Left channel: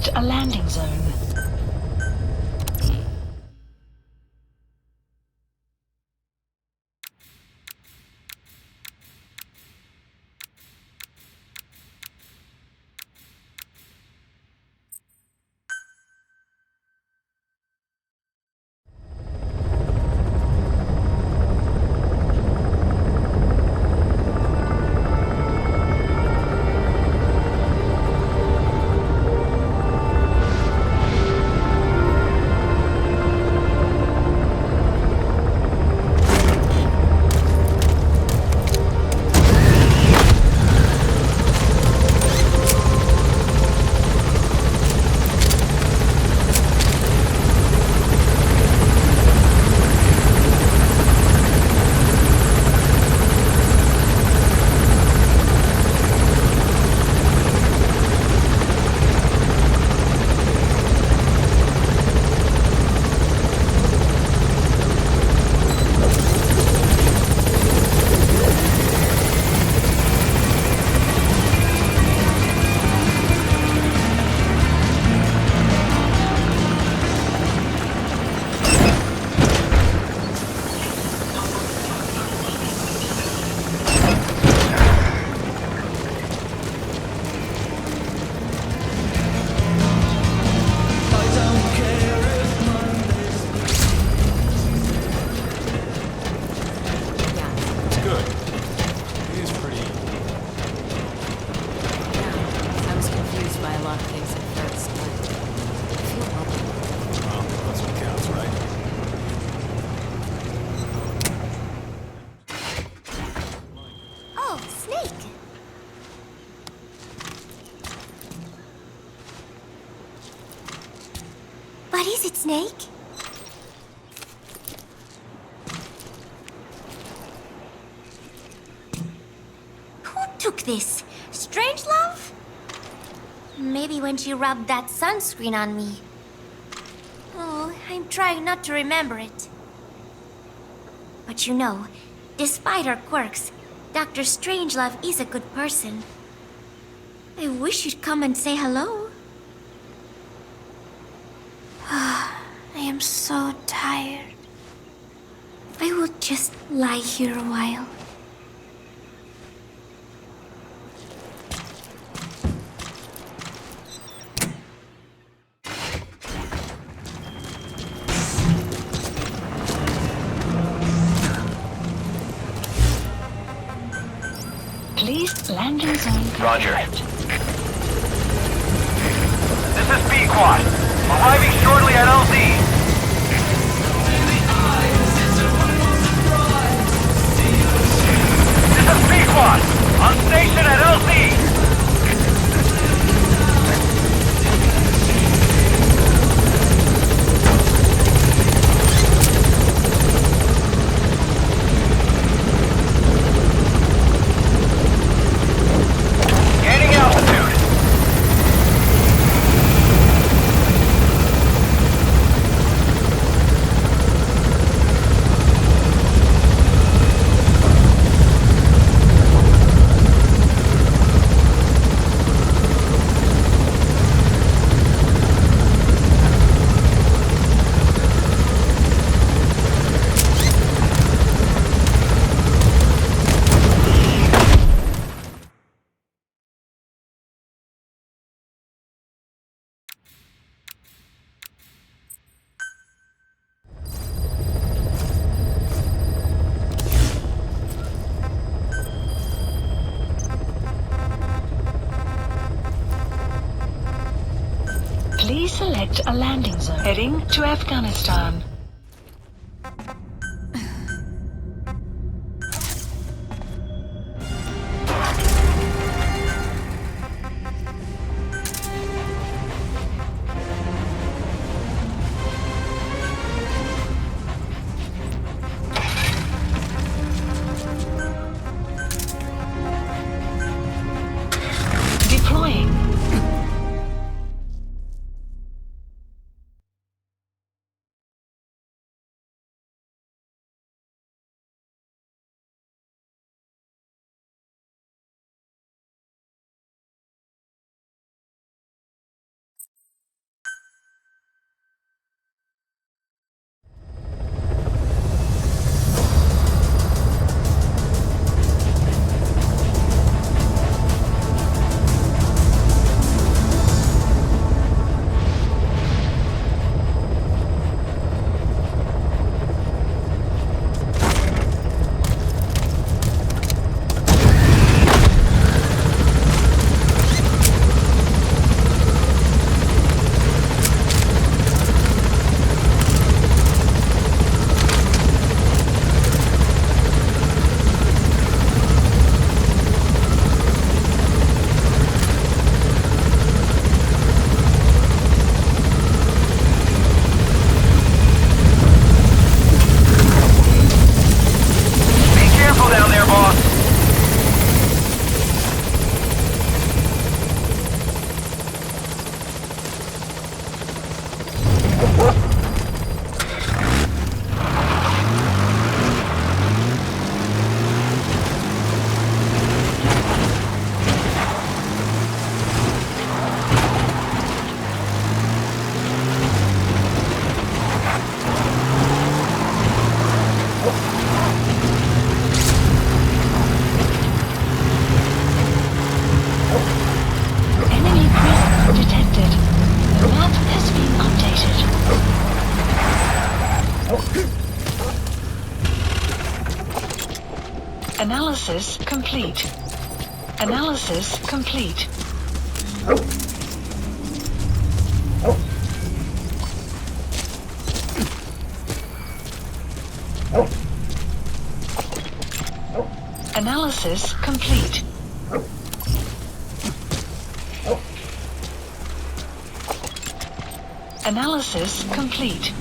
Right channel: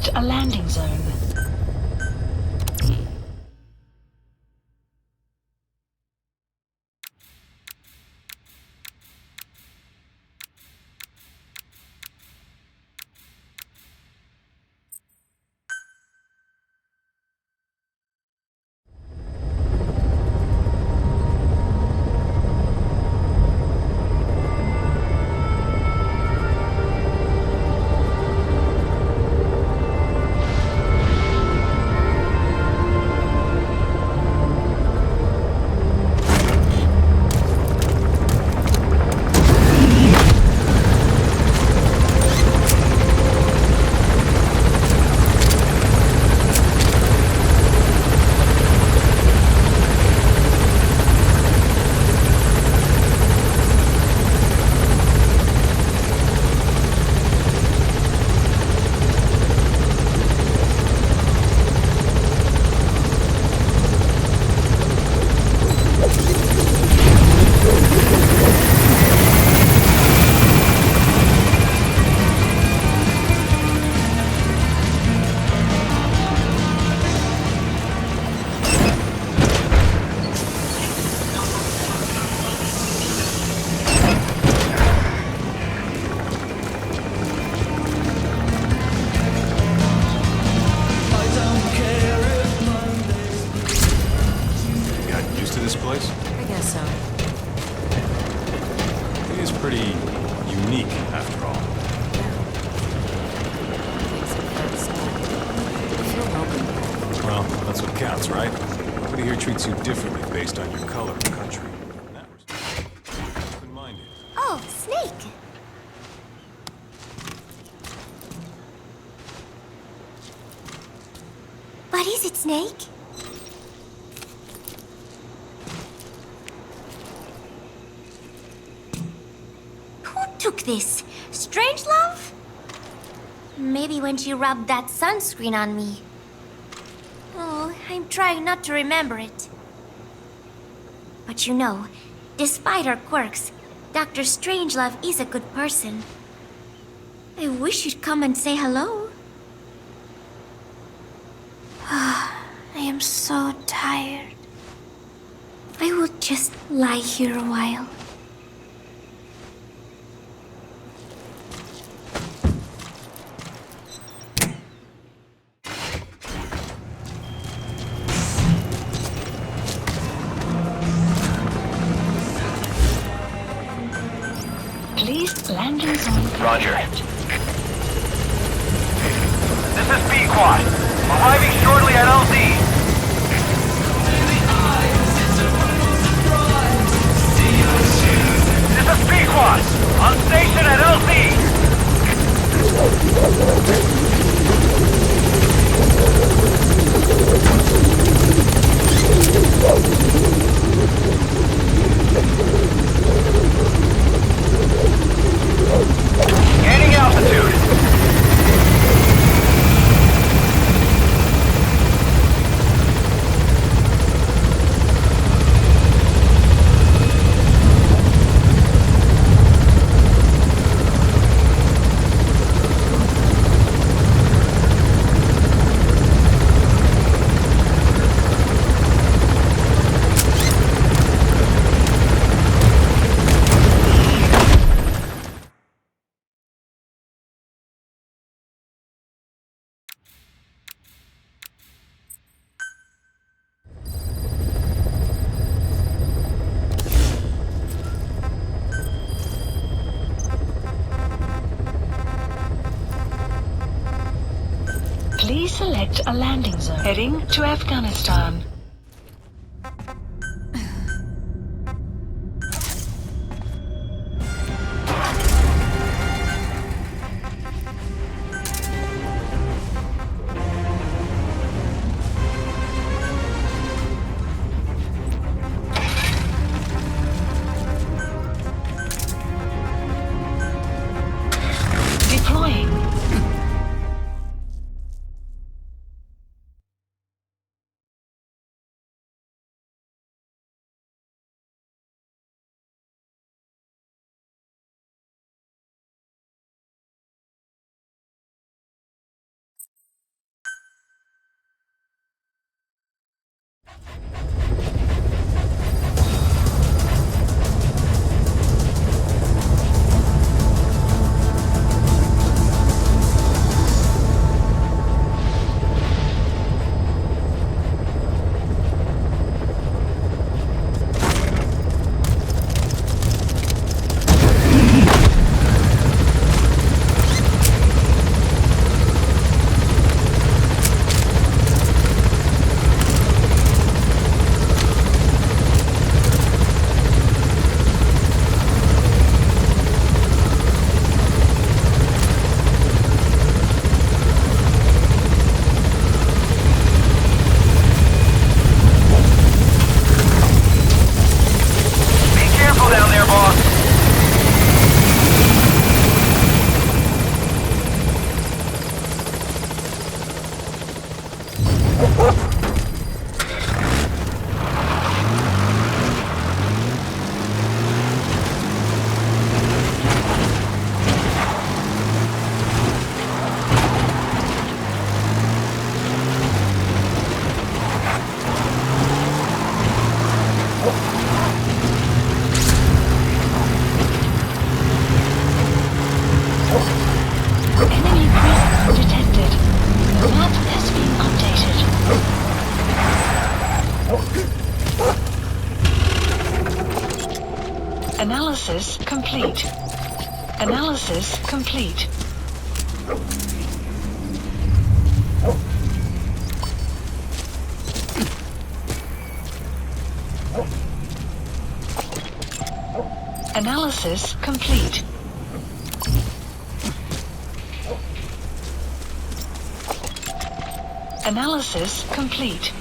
select a landing zone. What is it, Snake? Who took this? Strangelove? Maybe when she rubbed that sunscreen on me. Oh, I'm trying not to remember it. But you know, despite her quirks, Dr. Strangelove is a good person. I wish you'd come and say hello. I am so tired. I will just lie here a while. Please landing zone. Roger. This is B-Quad. Arriving shortly at LZ. This is B-Quad. On station at LZ. Gaining altitude. Please select a landing zone. Heading to Afghanistan. Deploying. Analysis complete. Analysis complete. Analysis complete. Analysis complete.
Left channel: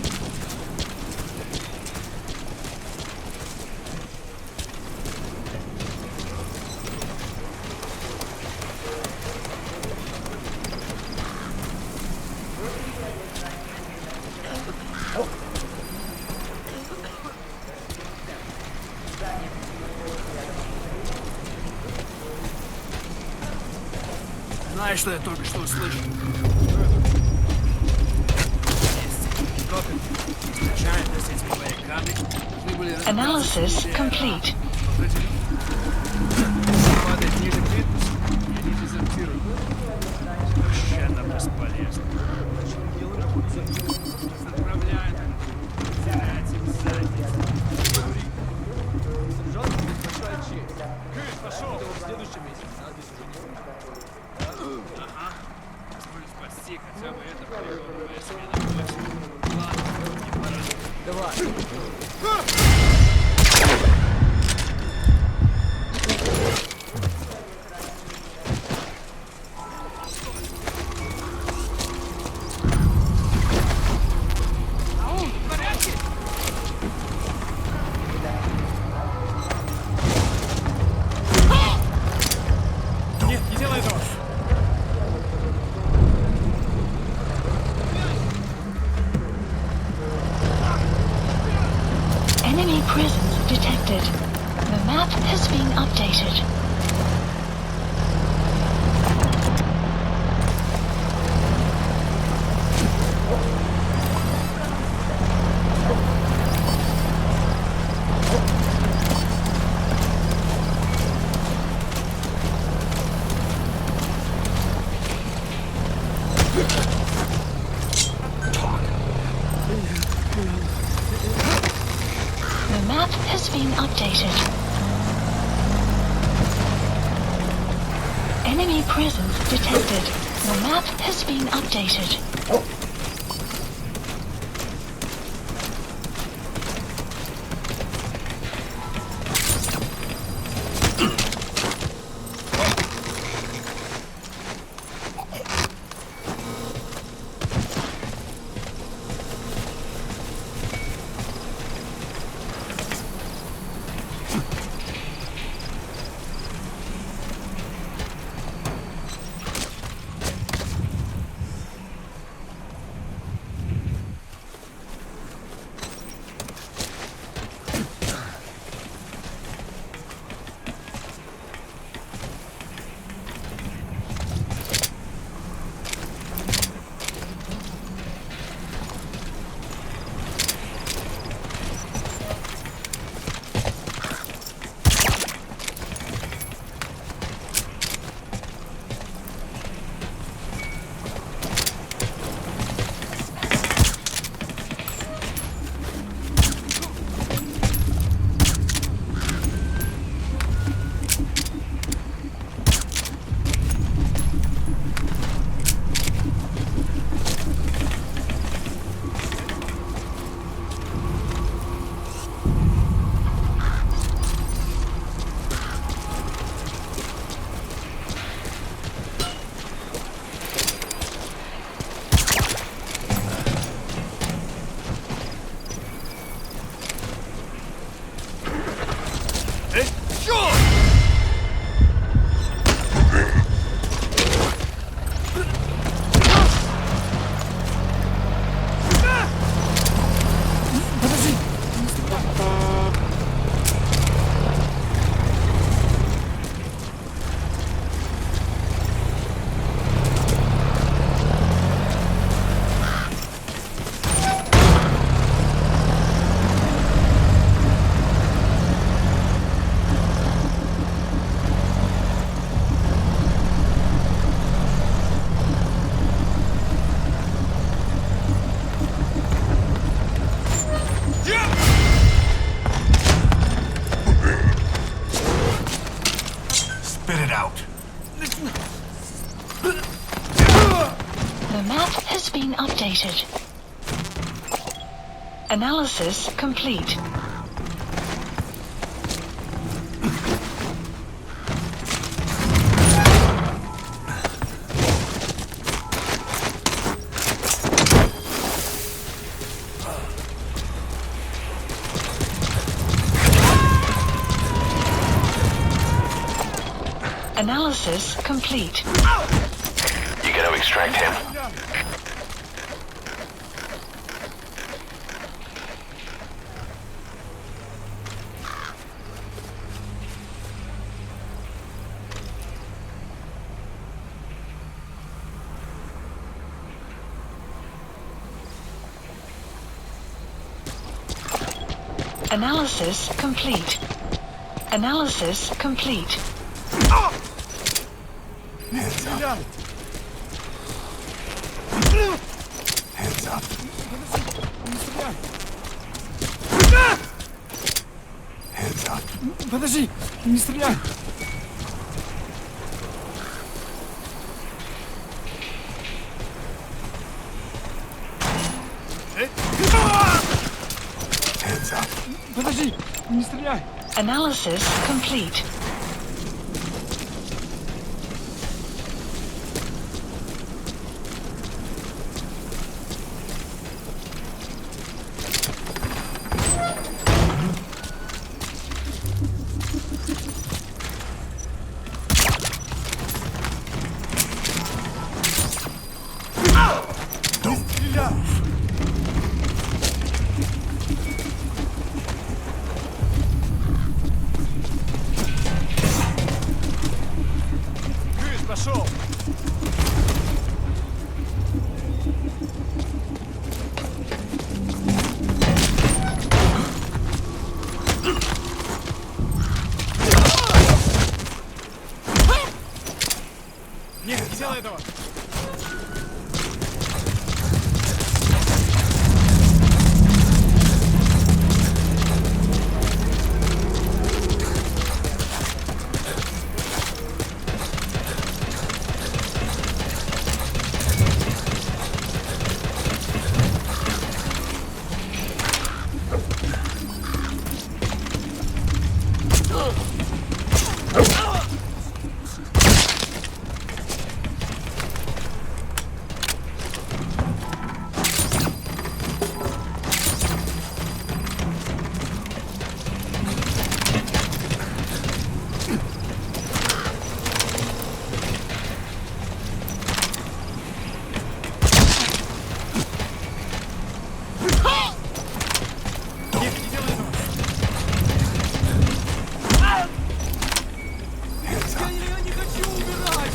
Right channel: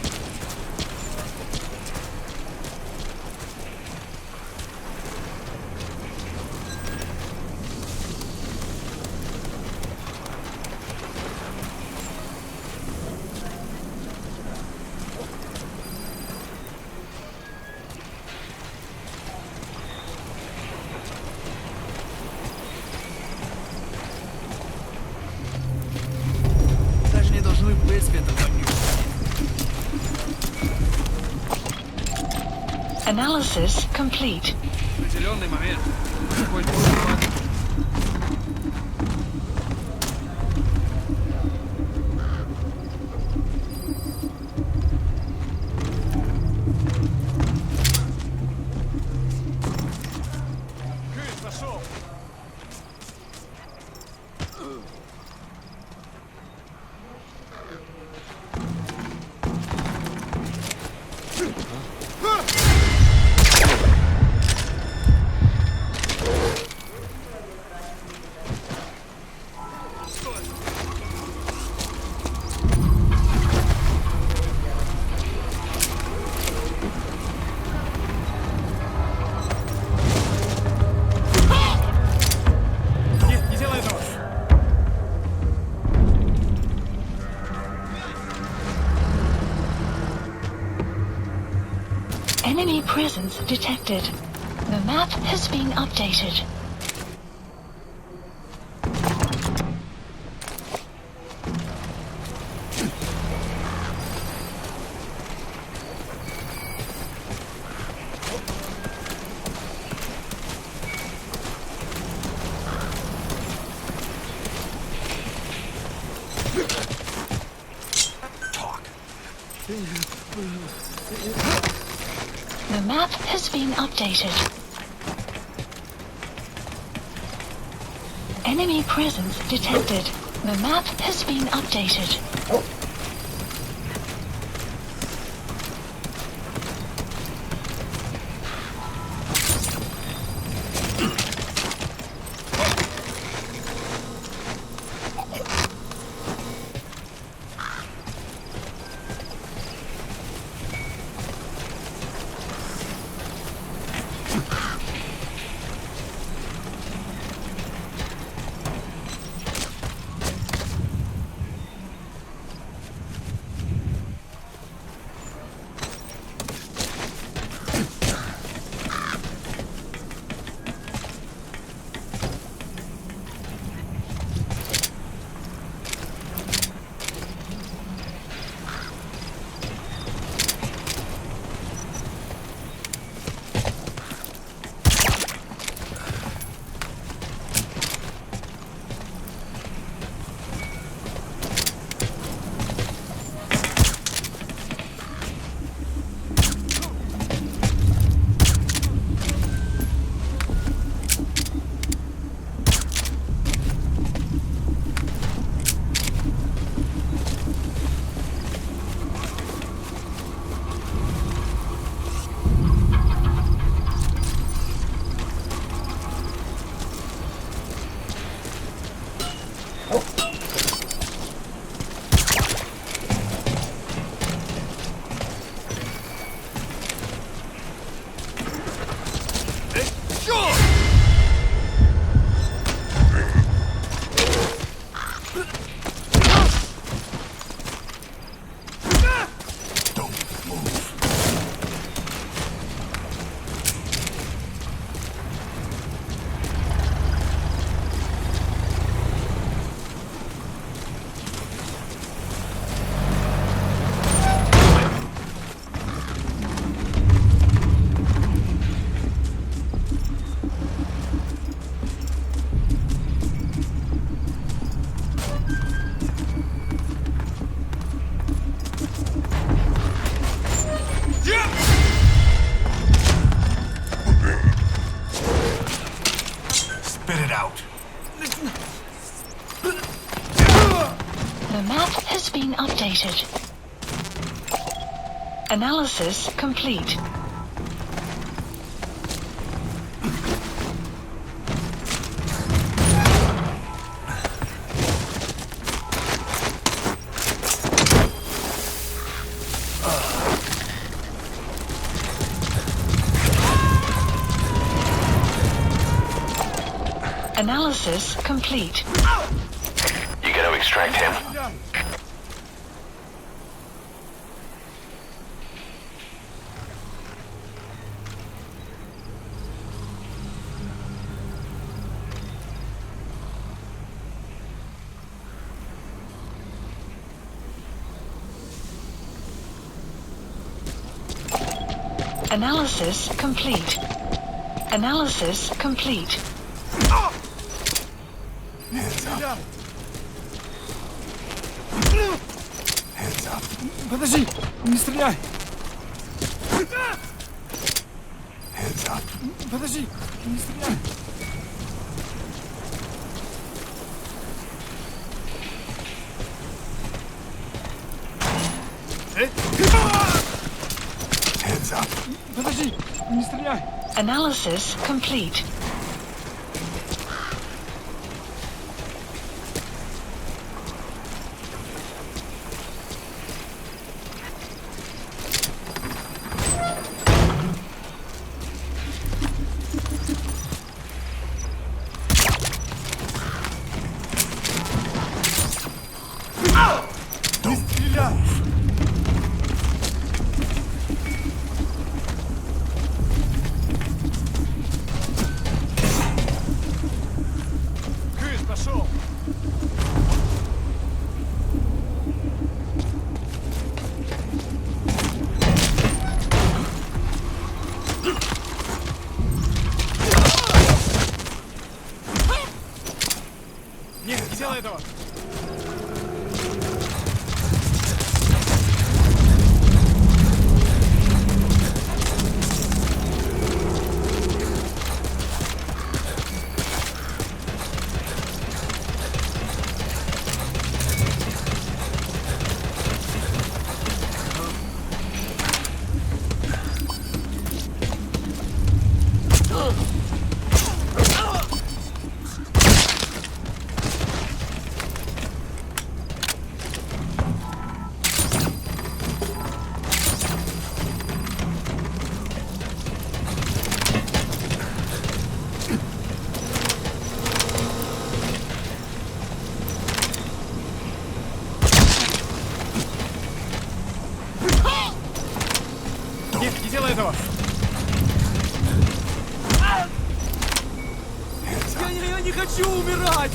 Знаешь, что я только что услышал? Даже не должны в принципе Analysis complete. в определенный момент какой-нибудь падает ниже плит и дезертирует. Это бесполезно. Заправляет. Кыт, пошел! Спасти хотя бы Нет, не делай этого! Enemy presence detected. The map has been updated. The map has been updated. Enemy presence detected. The map has been updated. activated. Analysis complete. Analysis complete. You gonna extract him? Analysis complete. Analysis complete. Hands up. Hands up. Подожди, не стреляй. Hands up. Подожди, не стреляй. Hands up. Подожди, не стреляй. Analysis complete. Не стреляй. Крыс, пошел. Нет, не делай этого. Нет, не делай этого! Я не хочу умирать!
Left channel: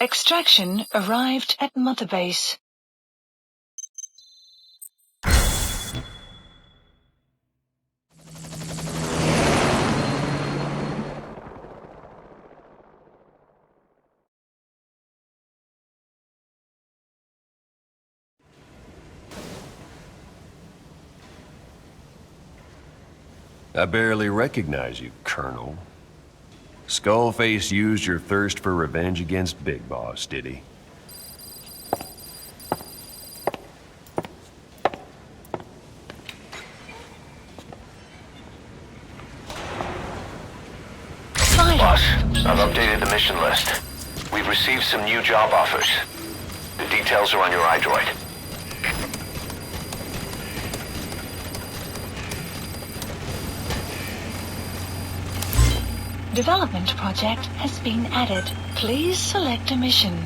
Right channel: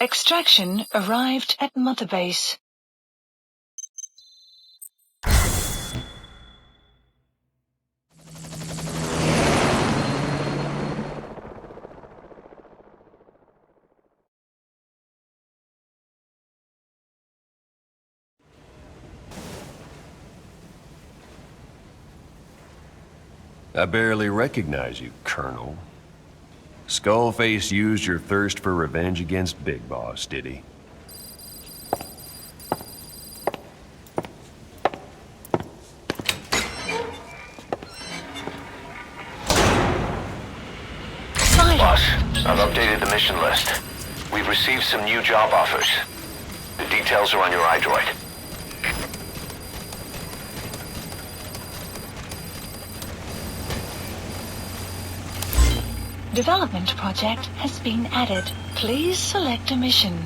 Extraction arrived at Mother Base. I barely recognize you, Colonel. Skullface used your thirst for revenge against Big Boss, did he? Boss, I've updated the mission list. We've received some new job offers. The details are on your iDroid. Development project has been added. Please select a mission.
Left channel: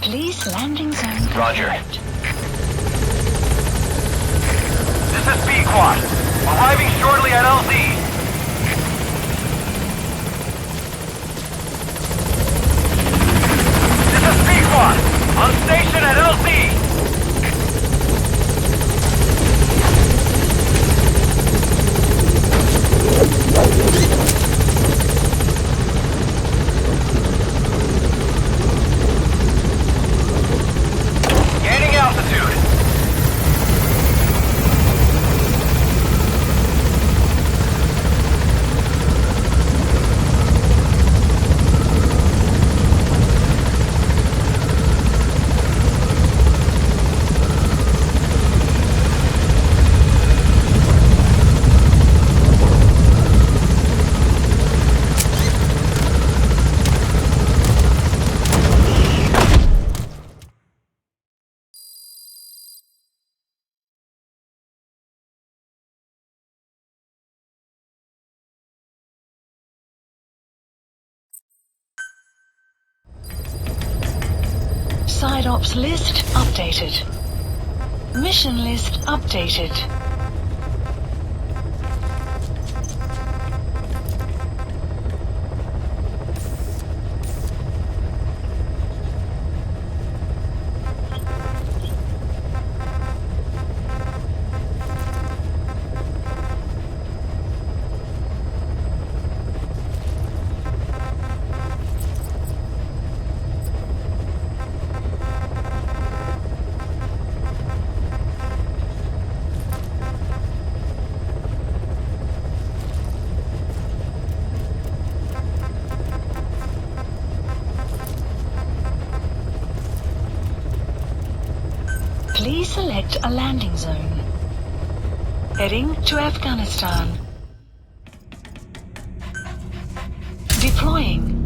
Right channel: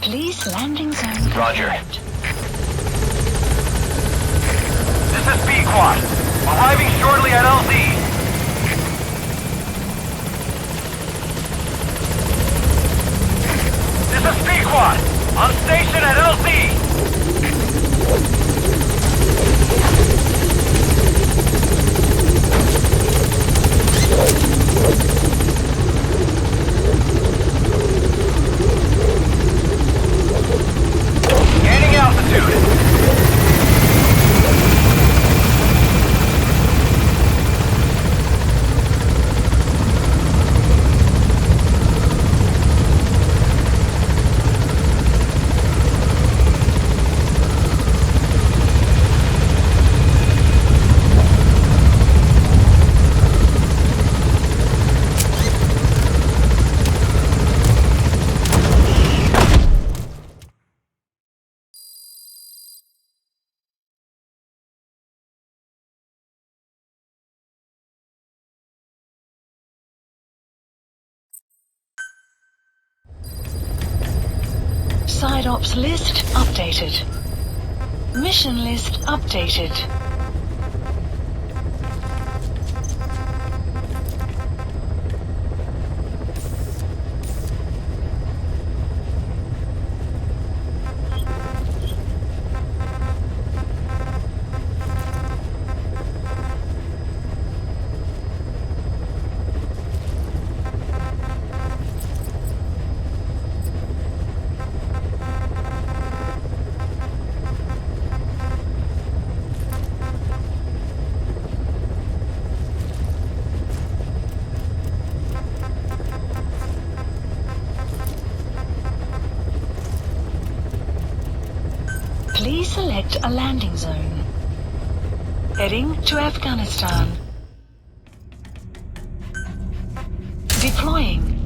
Please landing zone Roger. confirmed. This is B-Quad. Arriving shortly at LZ. This is B-Quad. On station at LZ. Gaining altitude. Side ops list updated. Mission list updated. Please select a landing zone. Heading to Afghanistan. Deploying.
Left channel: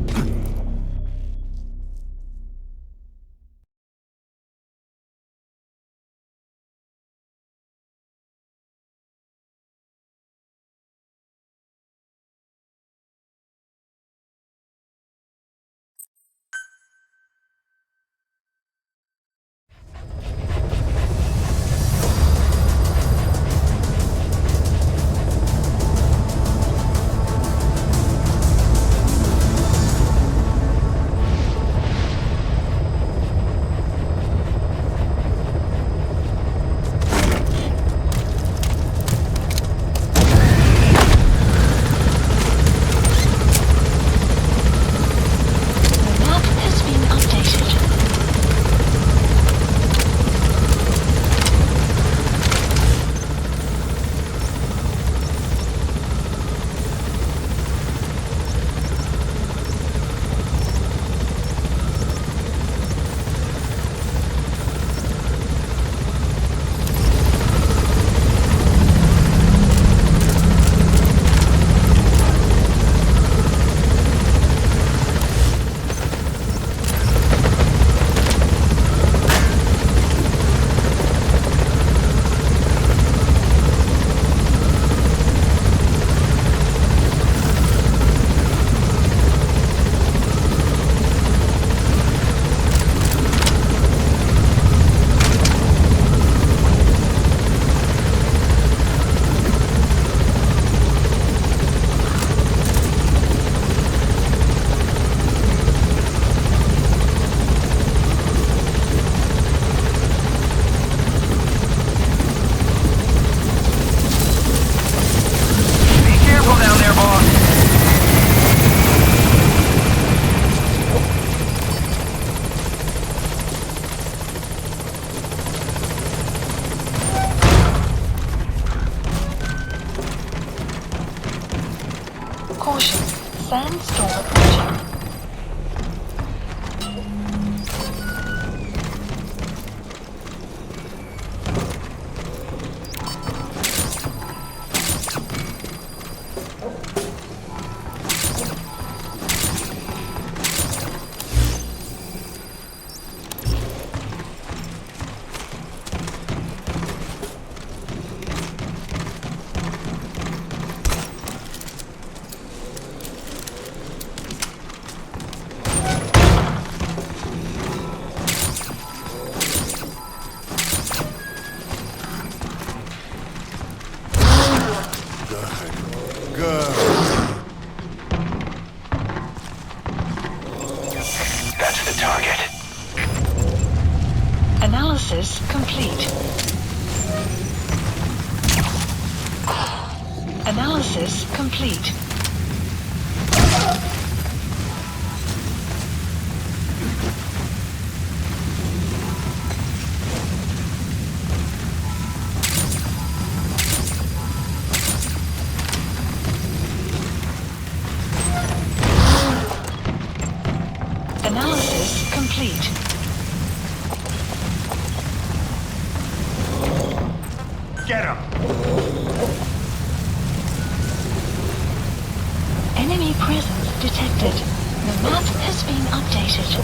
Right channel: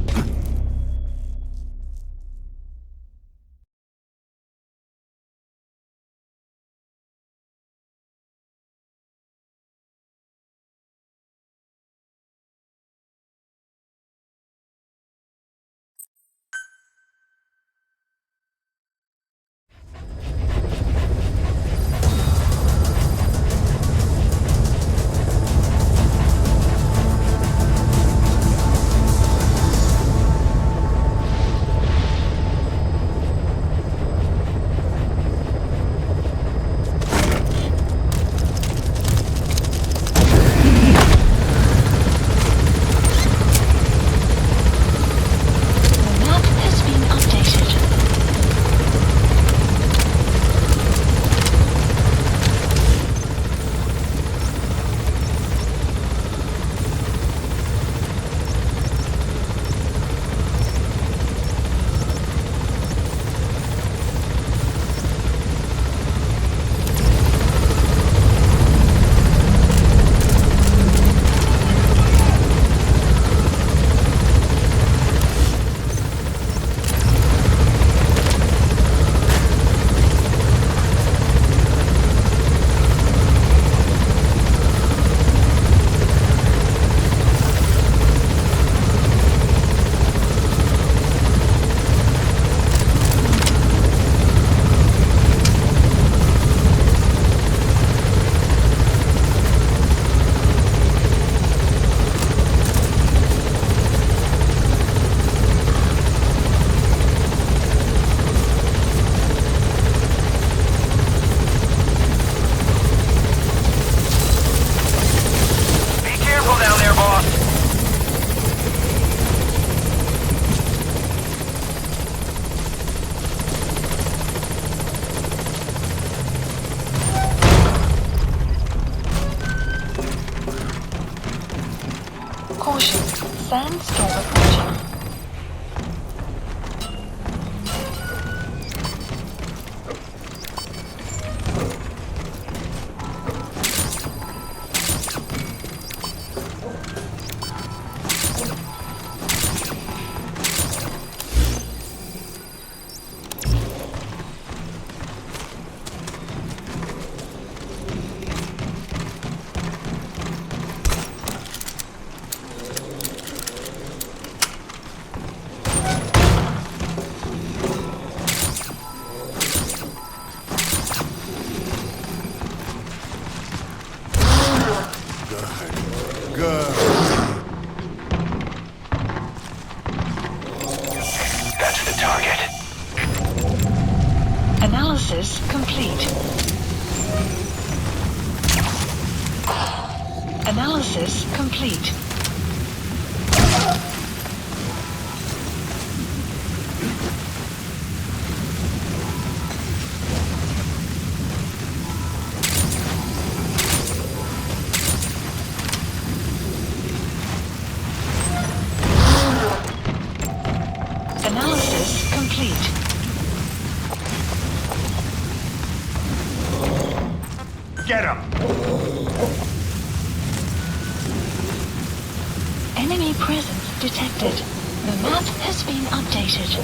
Sandstorm approaching. That's the target. Analysis complete. Analysis complete. Analysis complete. Get him! Enemy presence detected. The map has been updated.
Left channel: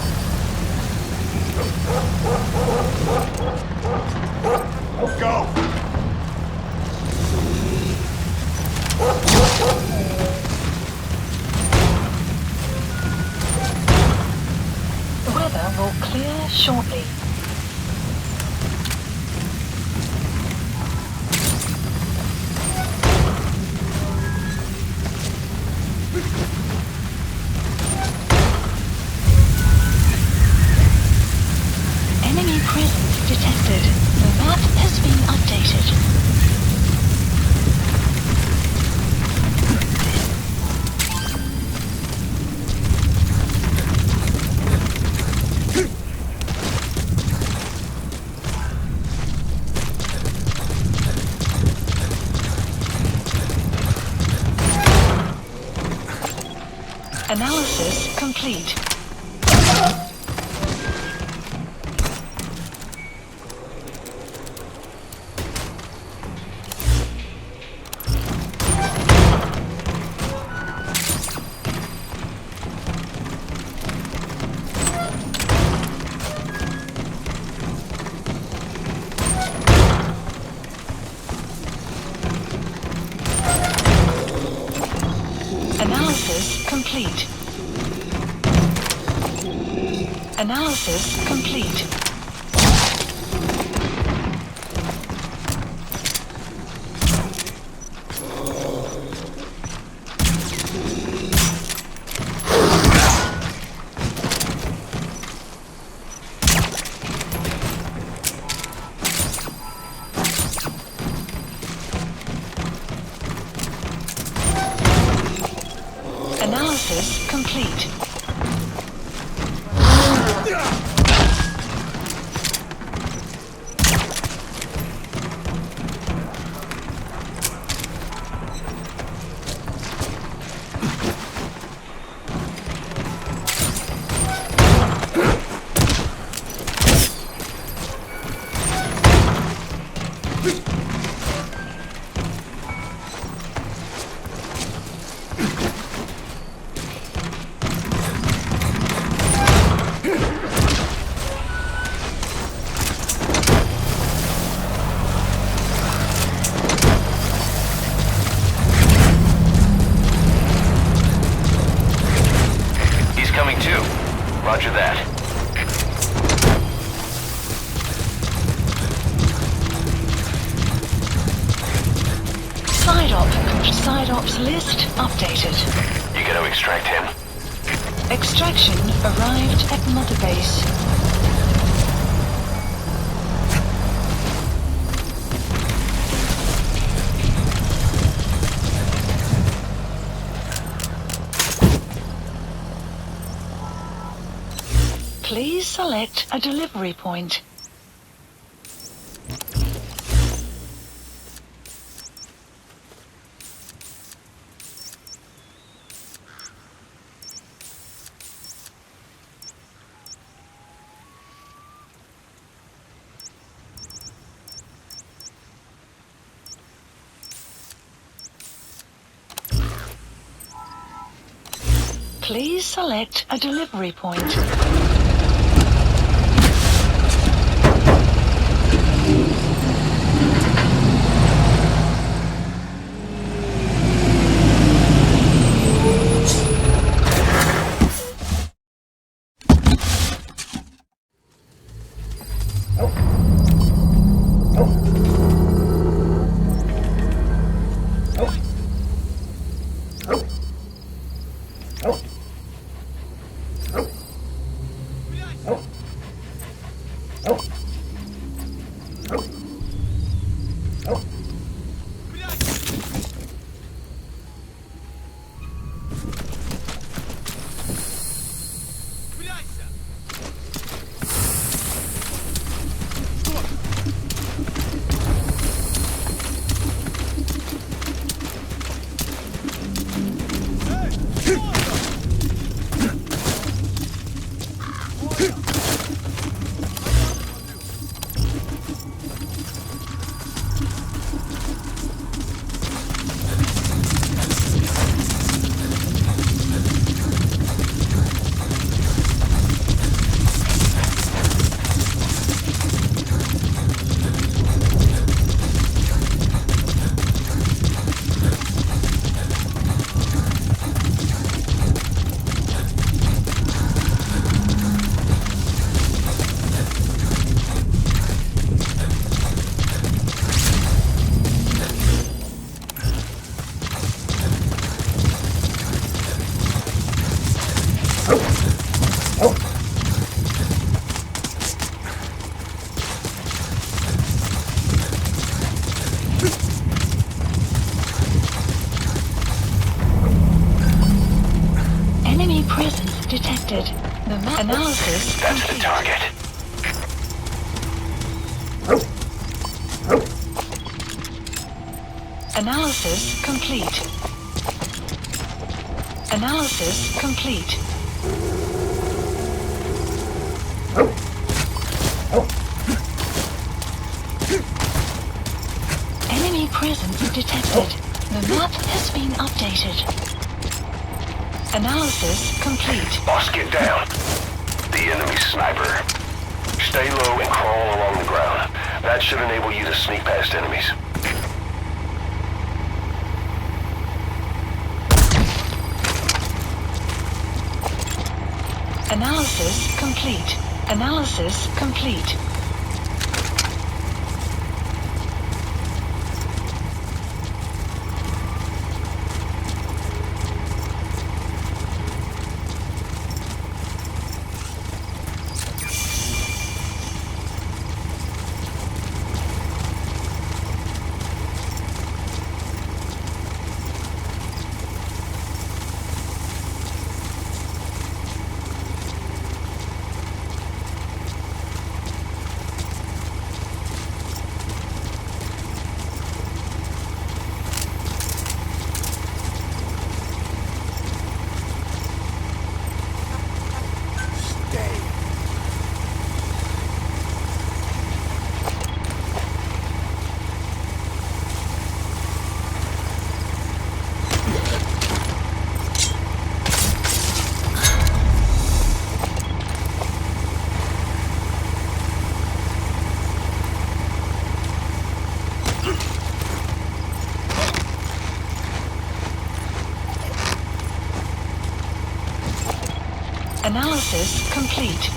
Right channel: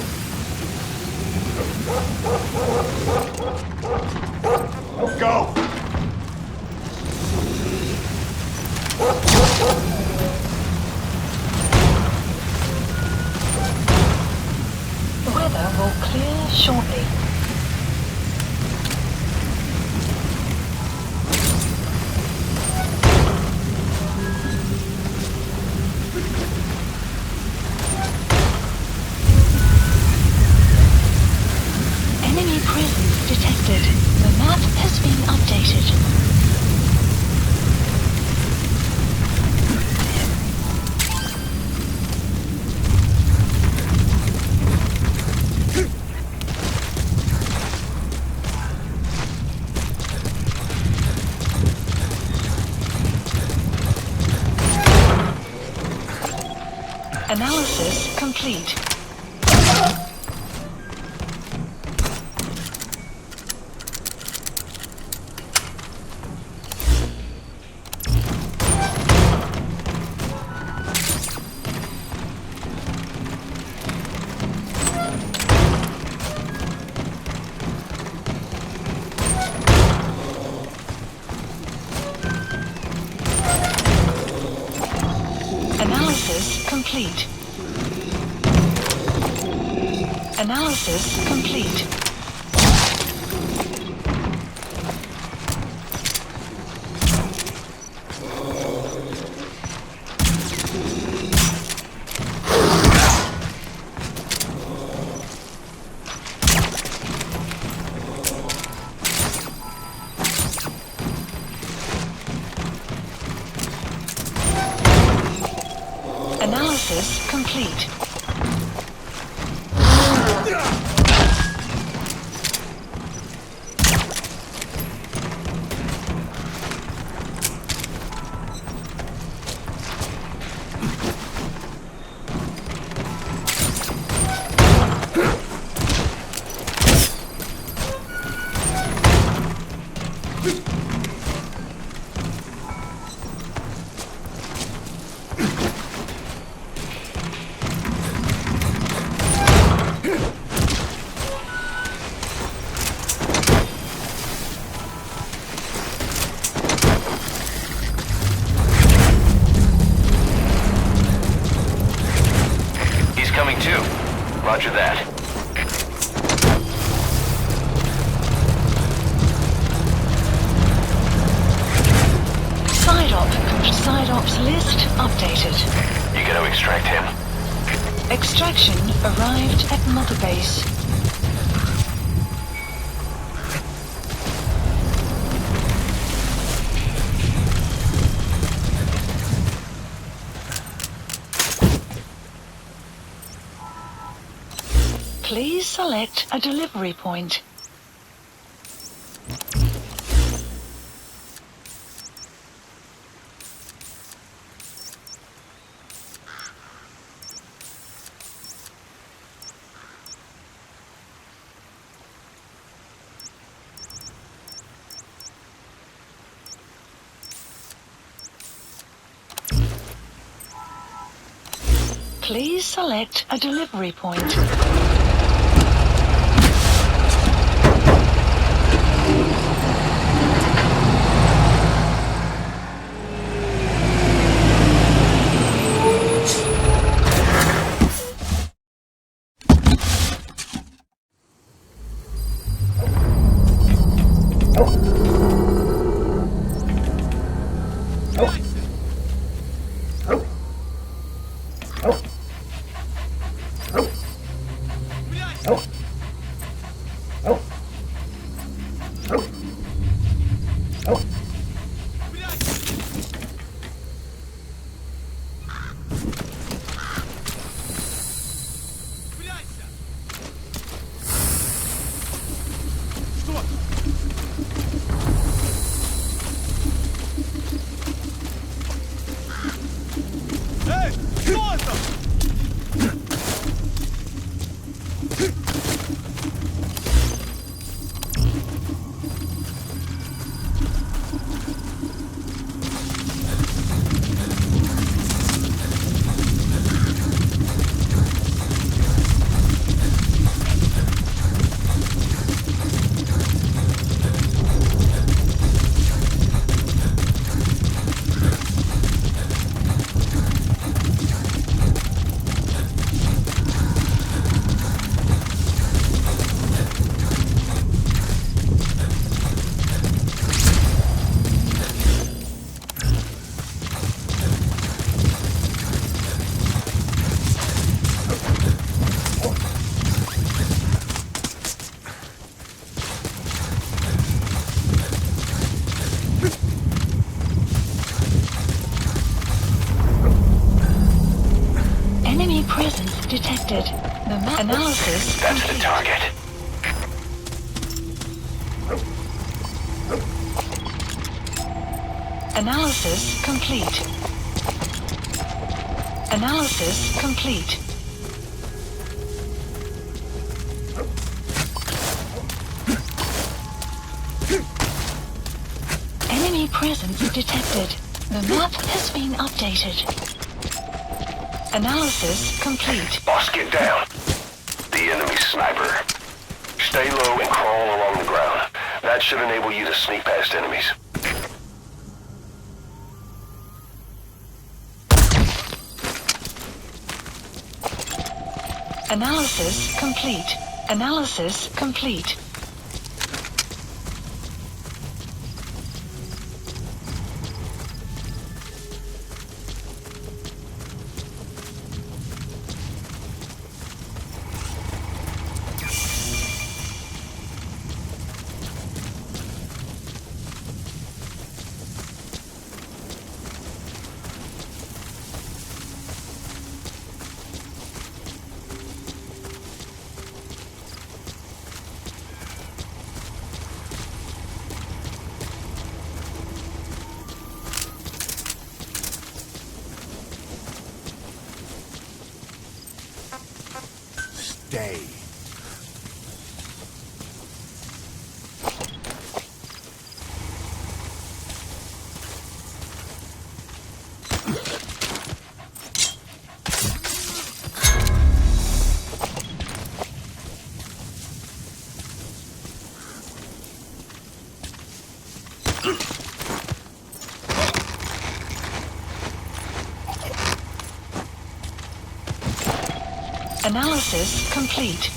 Go! Weather will clear shortly. Enemy presence detected. The map has been updated. Analysis complete. Analysis complete. Analysis complete. Analysis complete. Coming too. Roger that. Side ops list updated. You gonna extract him? Extraction arrived at Mother Base. Please select a delivery point. Please select a delivery point. Enemy presence detected. The map analysis That's the complete. target. Analysis complete. Analysis complete. Enemy presence detected. The map has been updated. Analysis complete. Boss, get down. The enemy sniper. Stay low and crawl along the ground. That should enable you to sneak past enemies. Analysis complete. Analysis complete. Stay. Analysis complete.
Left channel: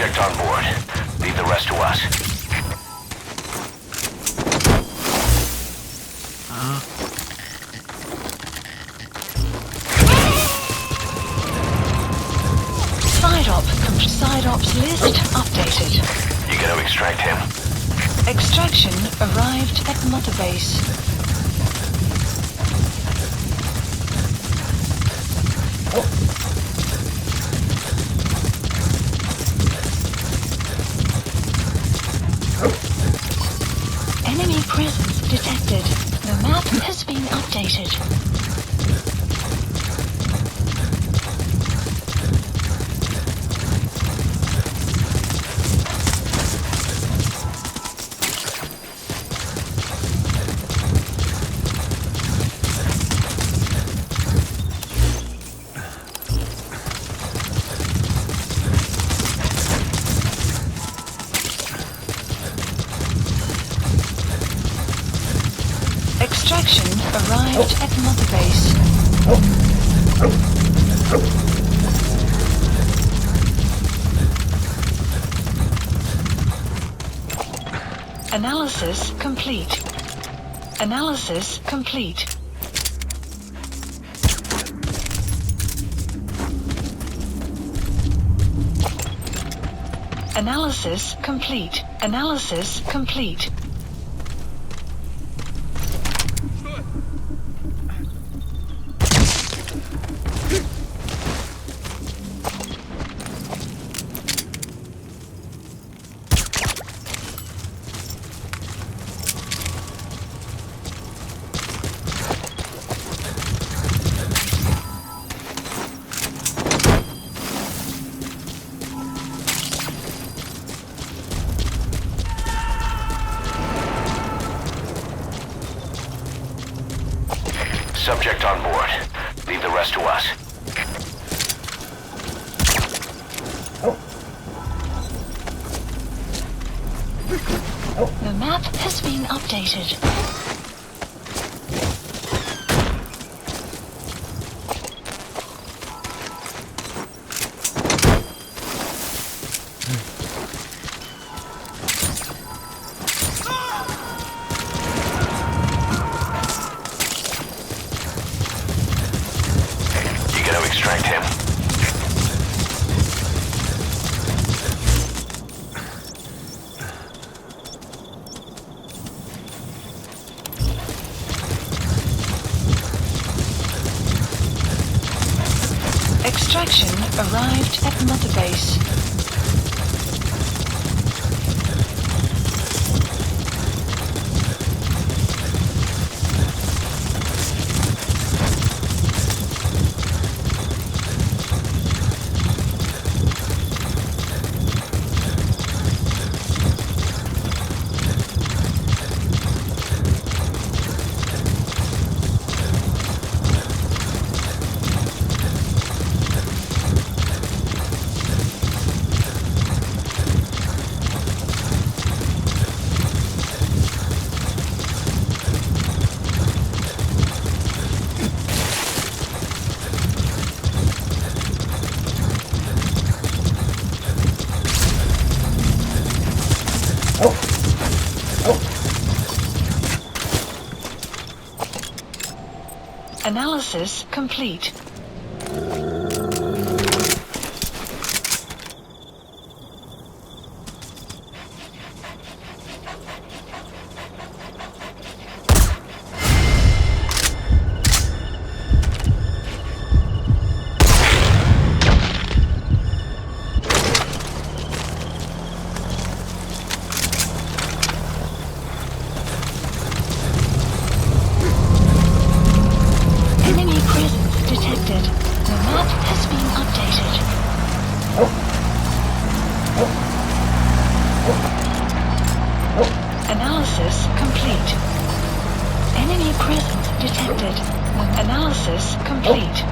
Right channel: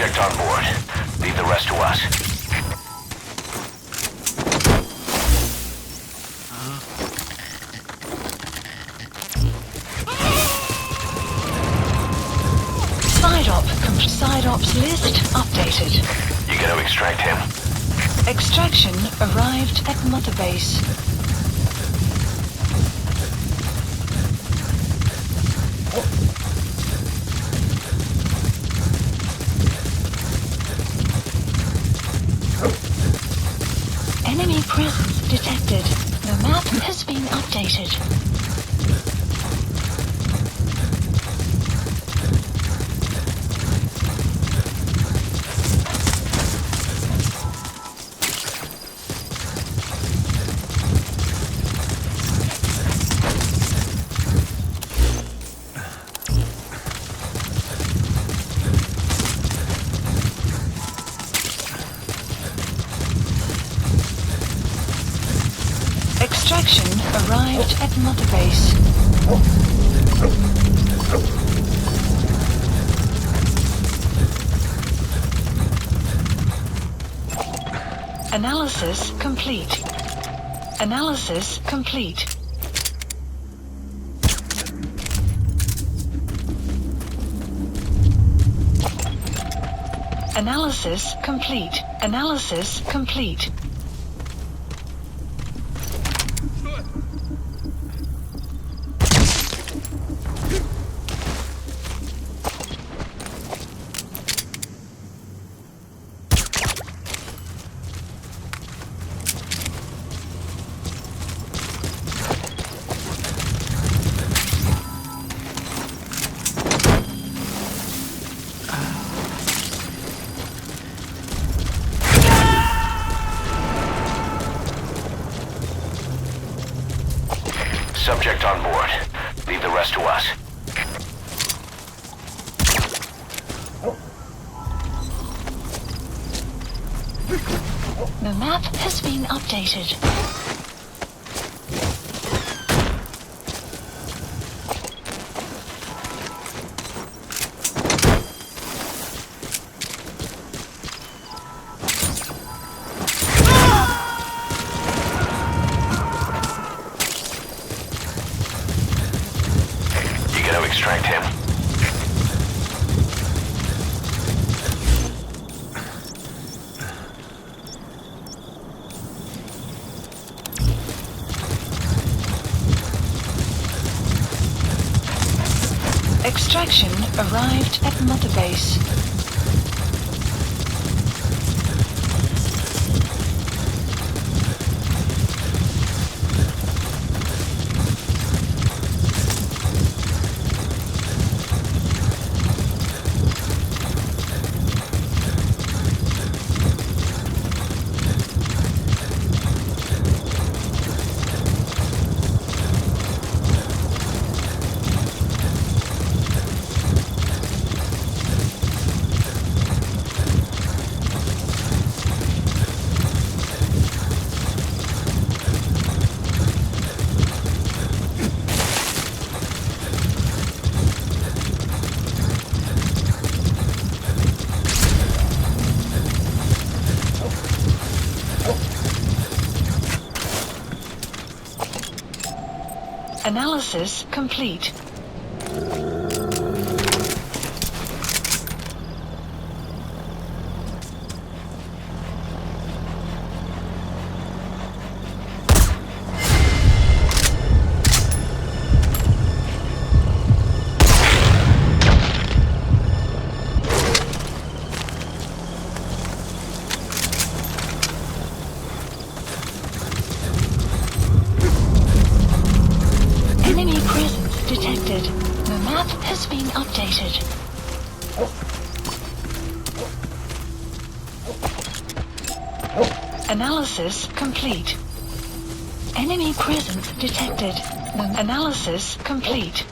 Subject on board. Leave the rest to us. Side ops list updated. You gonna extract him? Extraction arrived at Mother Base. Enemy presence detected. The map has been updated. Extraction arrived at Mother Base. Analysis complete. Analysis complete. Analysis complete. Analysis complete. Subject on board. Leave the rest to us. The map has been updated. You gonna extract him? Extraction arrived at Mother Base. Analysis complete. Enemy presence detected. The map has been updated. Analysis complete. Enemy presence detected. Analysis complete.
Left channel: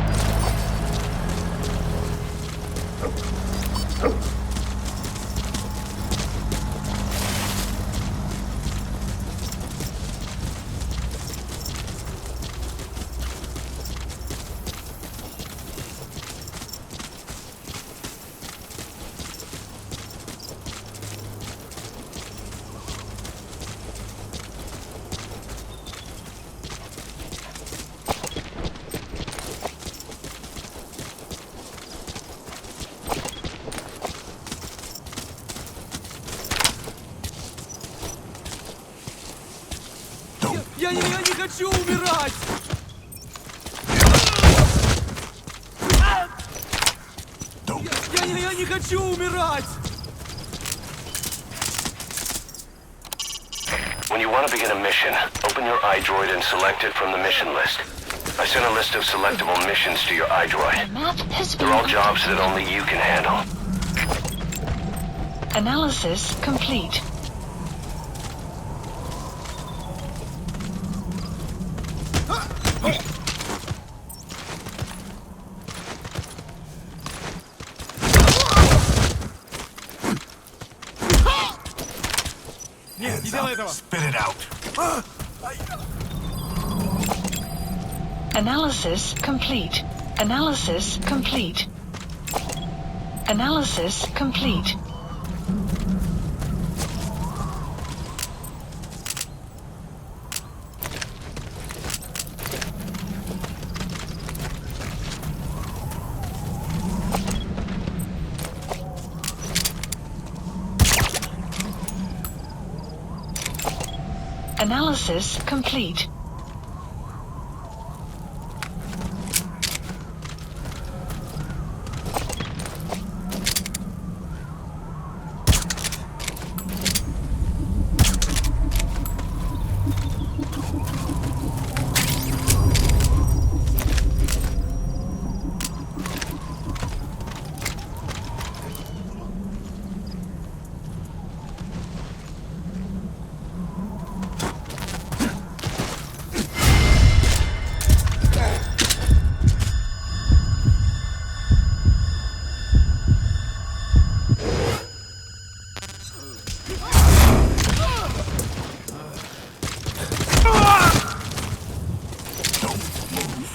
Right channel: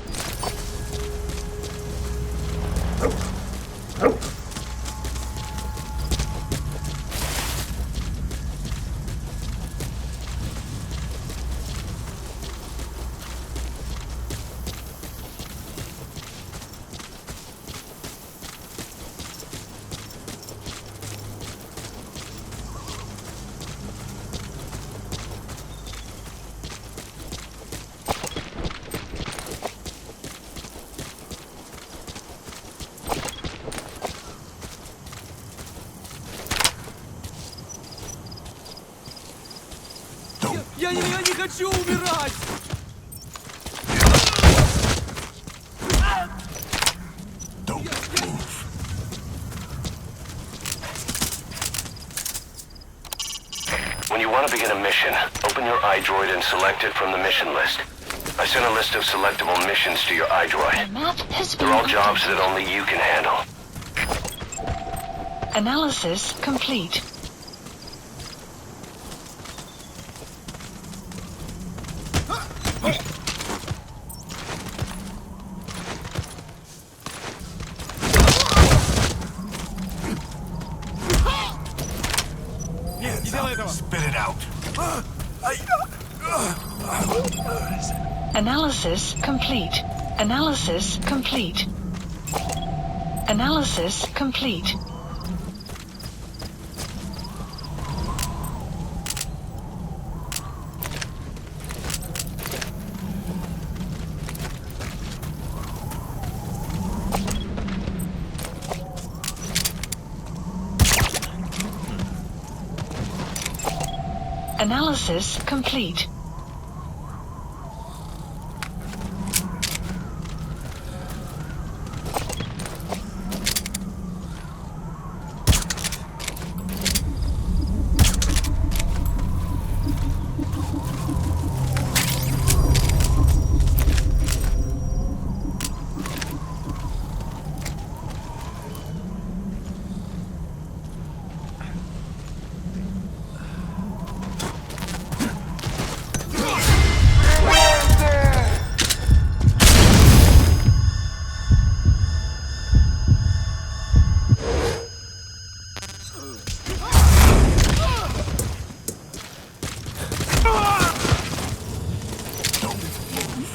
Я не хочу умирать! Я не хочу умирать! When you want to begin a mission, open your iDroid and select it from the mission list. I sent a list of selectable missions to your iDroid. The map has been They're all jobs that updated. only you can handle. Analysis complete. Нет, не делай этого! Spit it out. Analysis complete. Analysis complete. Analysis complete. Analysis complete.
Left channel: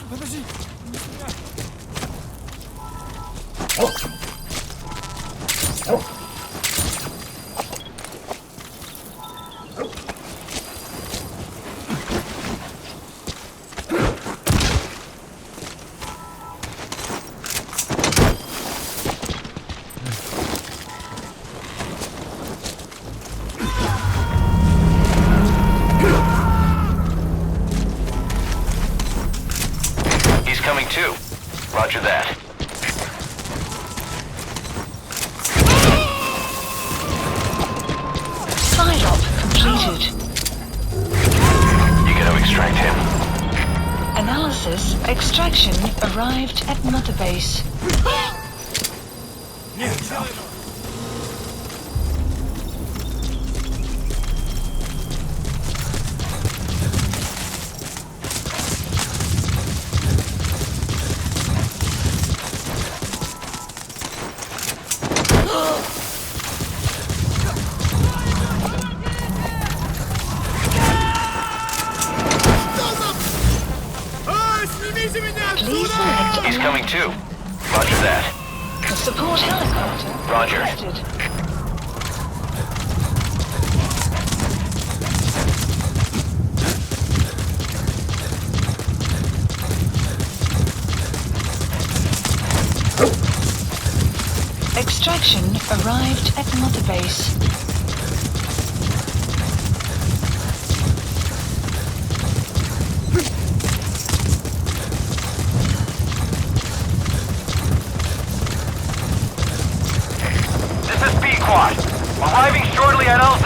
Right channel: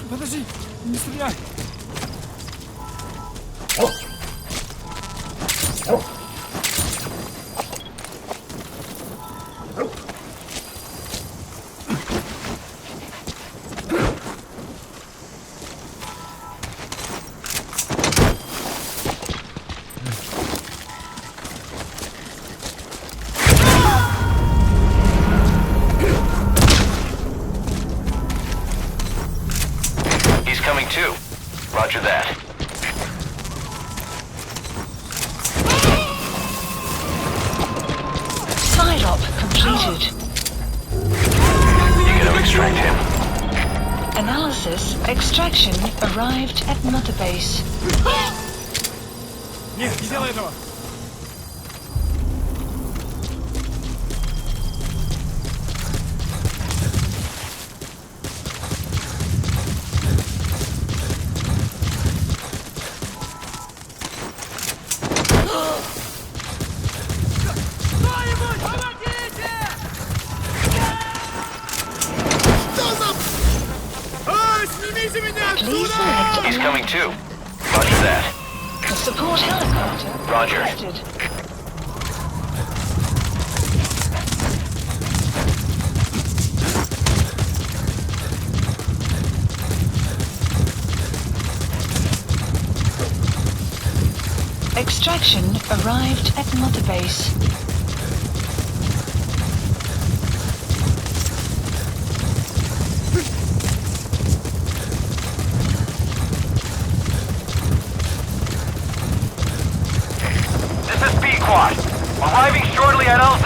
Подожди, не стреляй! He's coming too. Roger that. Side op completed. You gotta extract him. Analysis extraction arrived at Mother Base. Нет, не делай этого! Снимите меня Please отсюда! select He's a coming too. Roger that. support helicopter. Roger. Requested. Extraction arrived at Mother Base. This is B-Quad. Arriving shortly at LZ.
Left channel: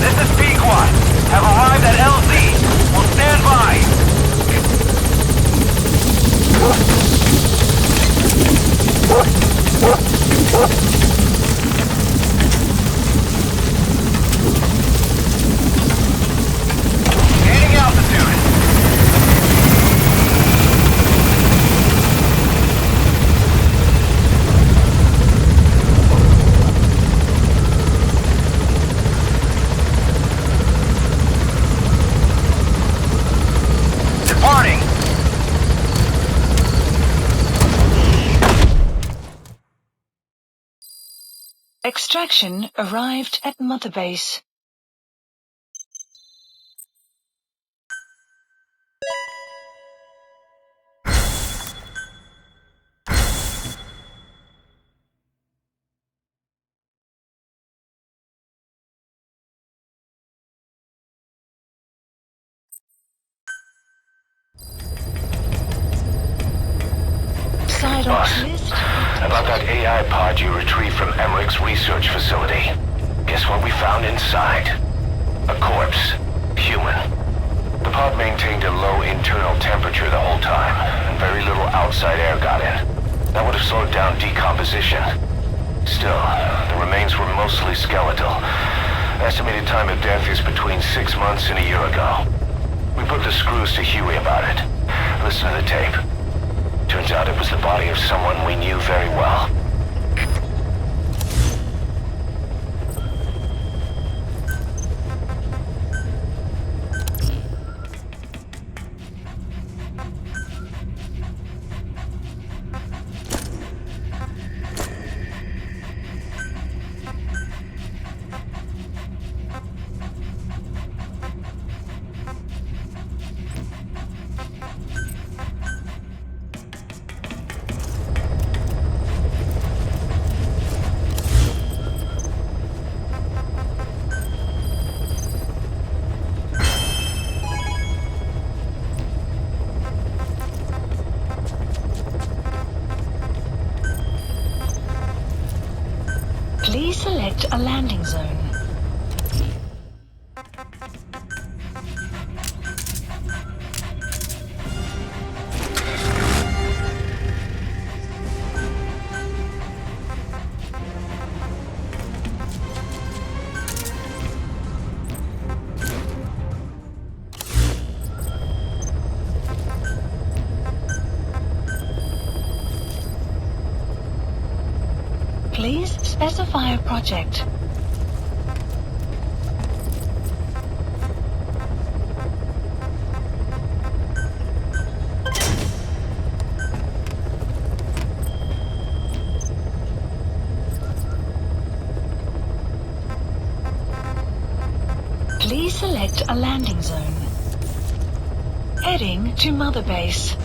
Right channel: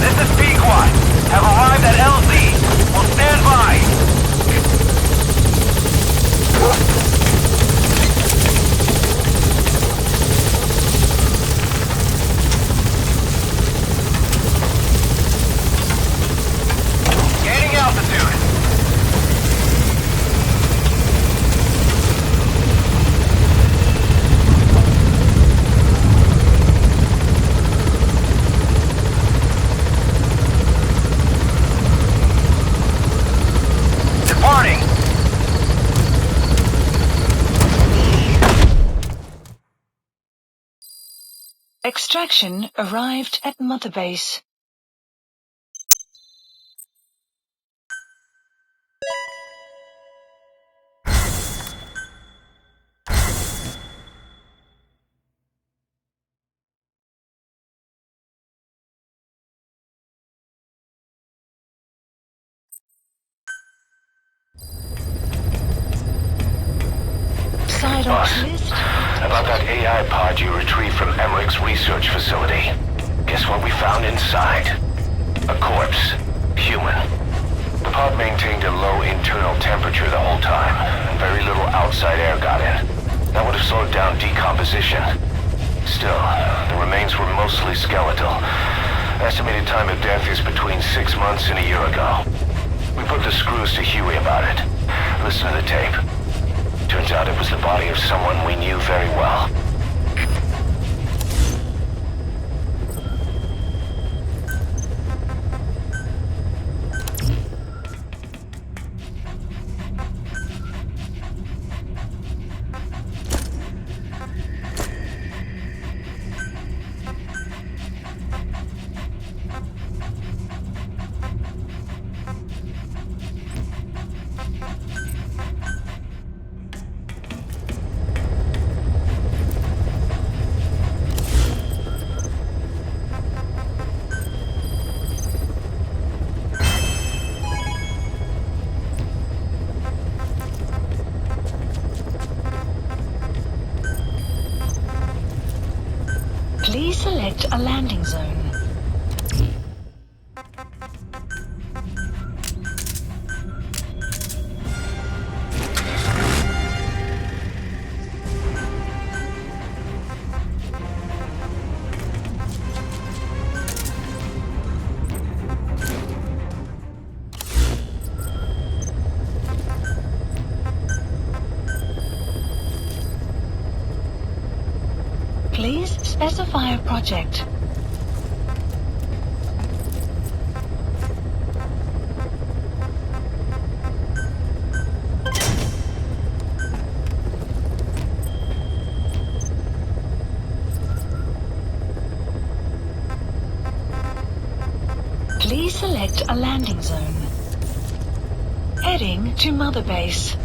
This is B-Quad. Have arrived at LZ. Will stand by. Gaining altitude. Departing. Extraction arrived at Mother Base. Vidocs Boss, list. about that AI pod you retrieved from Emmerich's research facility. Guess what we found inside? A corpse. Human. The pod maintained a low internal temperature the whole time, and very little outside air got in. That would have slowed down decomposition. Still, the remains were mostly skeletal. Estimated time of death is between 6 months and a year ago. We put the screws to Huey about it. Listen to the tape. Turns out it was the body of someone we knew very well. Please select a landing zone. Please specify a project. Please select a landing zone. Heading to Mother Base.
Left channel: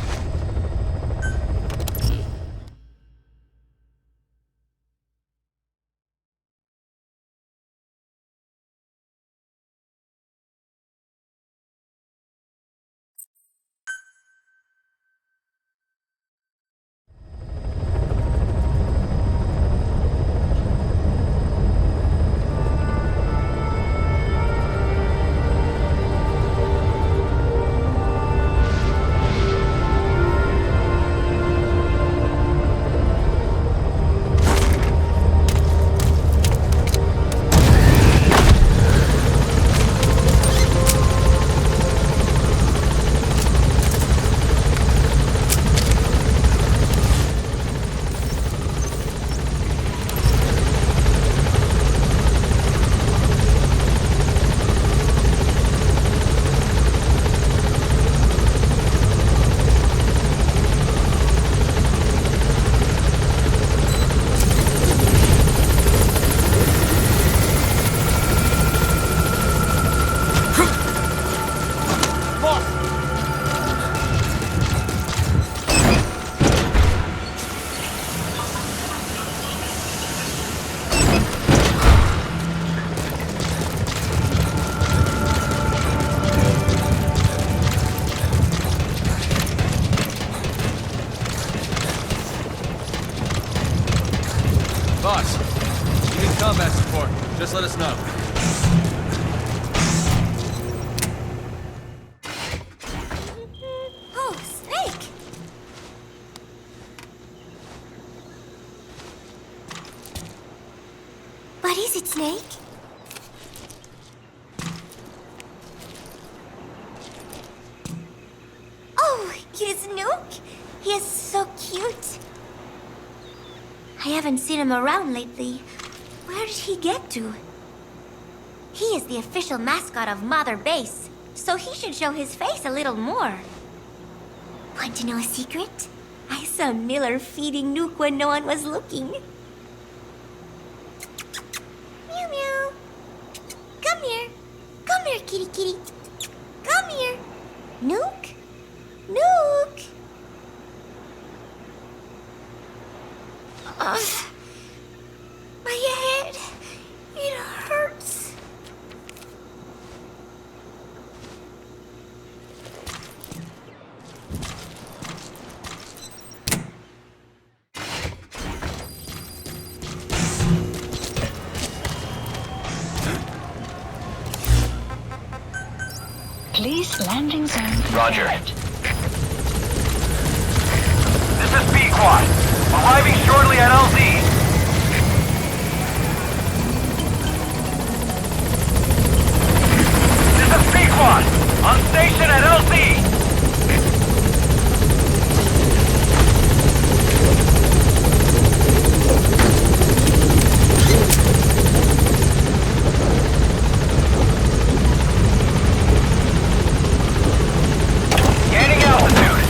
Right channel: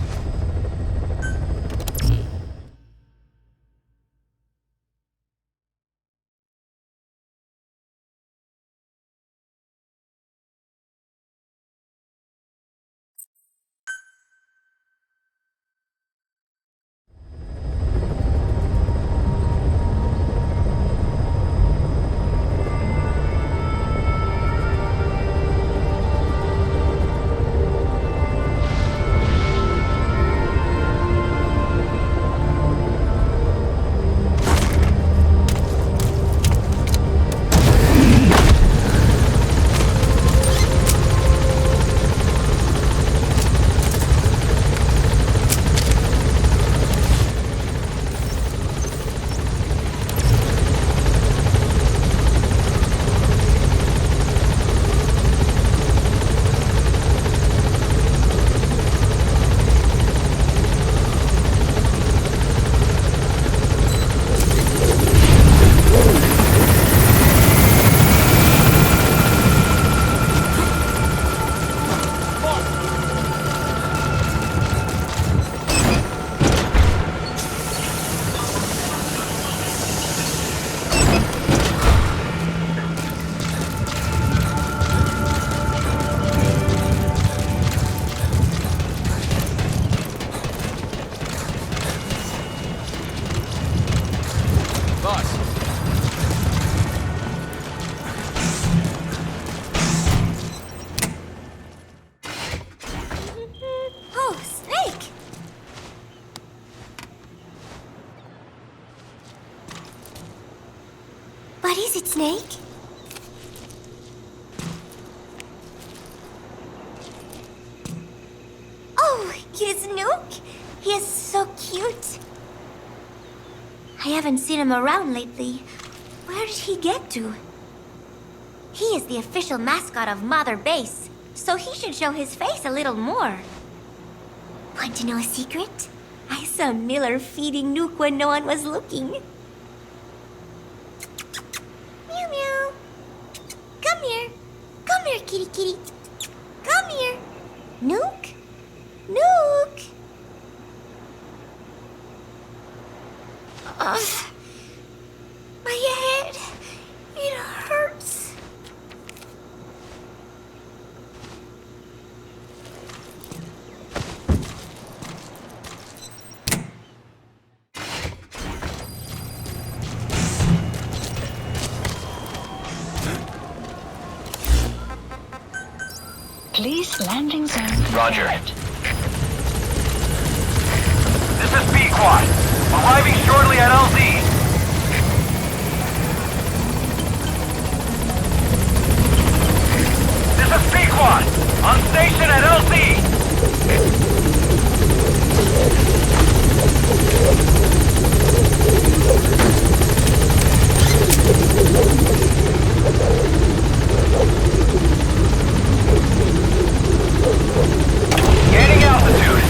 Boss, you did combat support. Just let us know. Oh, Snake! What is it, Snake? Oh, it's Nuke! He is so cute. I haven't seen him around lately. Where did he get to? He is the official mascot of Mother Base, so he should show his face a little more. Want to know a secret? I saw Miller feeding Nuke when no one was looking. Meow meow. Come here. Come here, kitty kitty. Come here. Nuke? Nuke! My head. It hurts. Release landing zone confirmed. Roger. This is B-Quad. Arriving shortly at LZ. This is B-Quad. On station at LZ. Gaining altitude.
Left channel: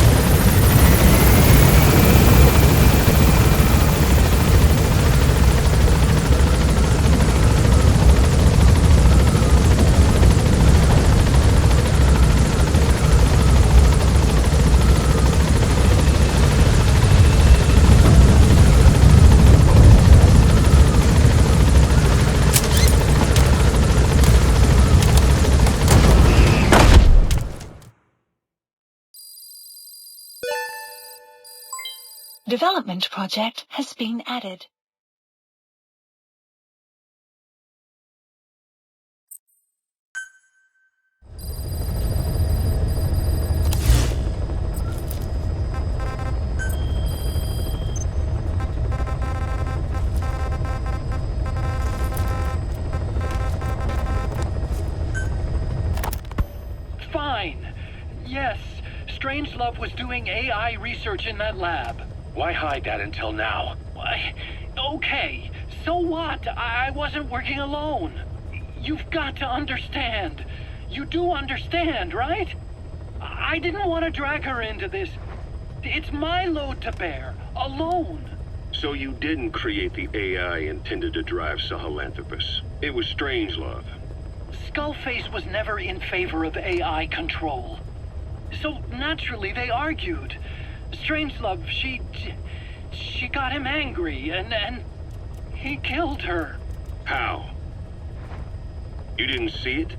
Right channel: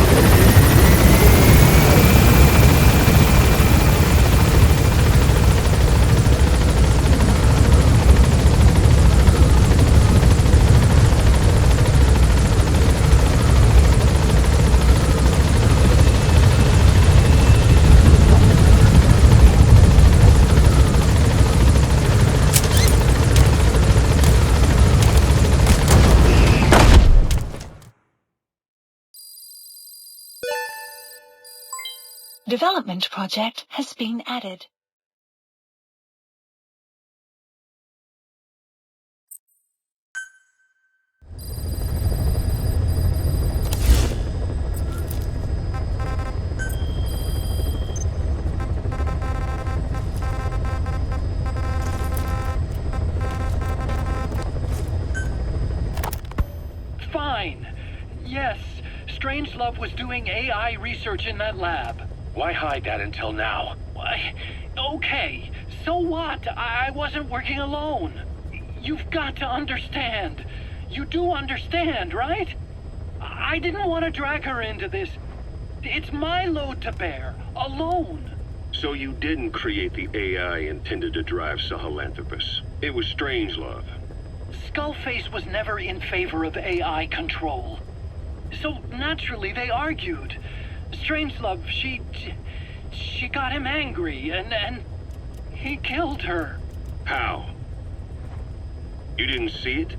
Development project has been added. Fine. Yes, Strangelove was doing AI research in that lab. Why hide that until now? Why? Okay, so what? I wasn't working alone. You've got to understand. You do understand, right? I didn't want to drag her into this. It's my load to bear, alone. So you didn't create the AI intended to drive Sahelanthropus. It was Strangelove. Skullface was never in favor of AI control. So naturally they argued. Strangelove, she got him angry, and he killed her. How? You didn't see it?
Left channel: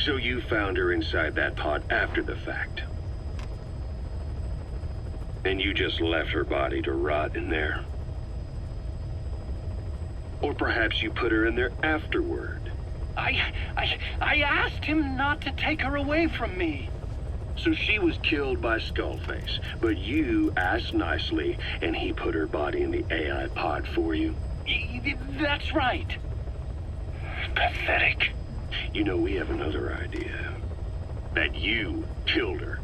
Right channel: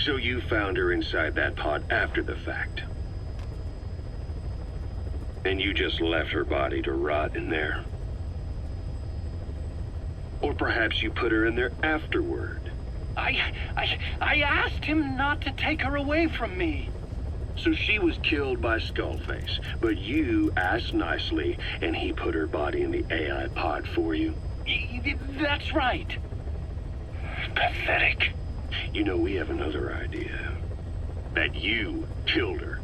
So you found her inside that pod after the fact. And you just left her body to rot in there. Or perhaps you put her in there afterward. I asked him not to take her away from me. So she was killed by Skullface, but you asked nicely, and he put her body in the AI pod for you? That's right. Pathetic. You know, we have another idea. That you killed her.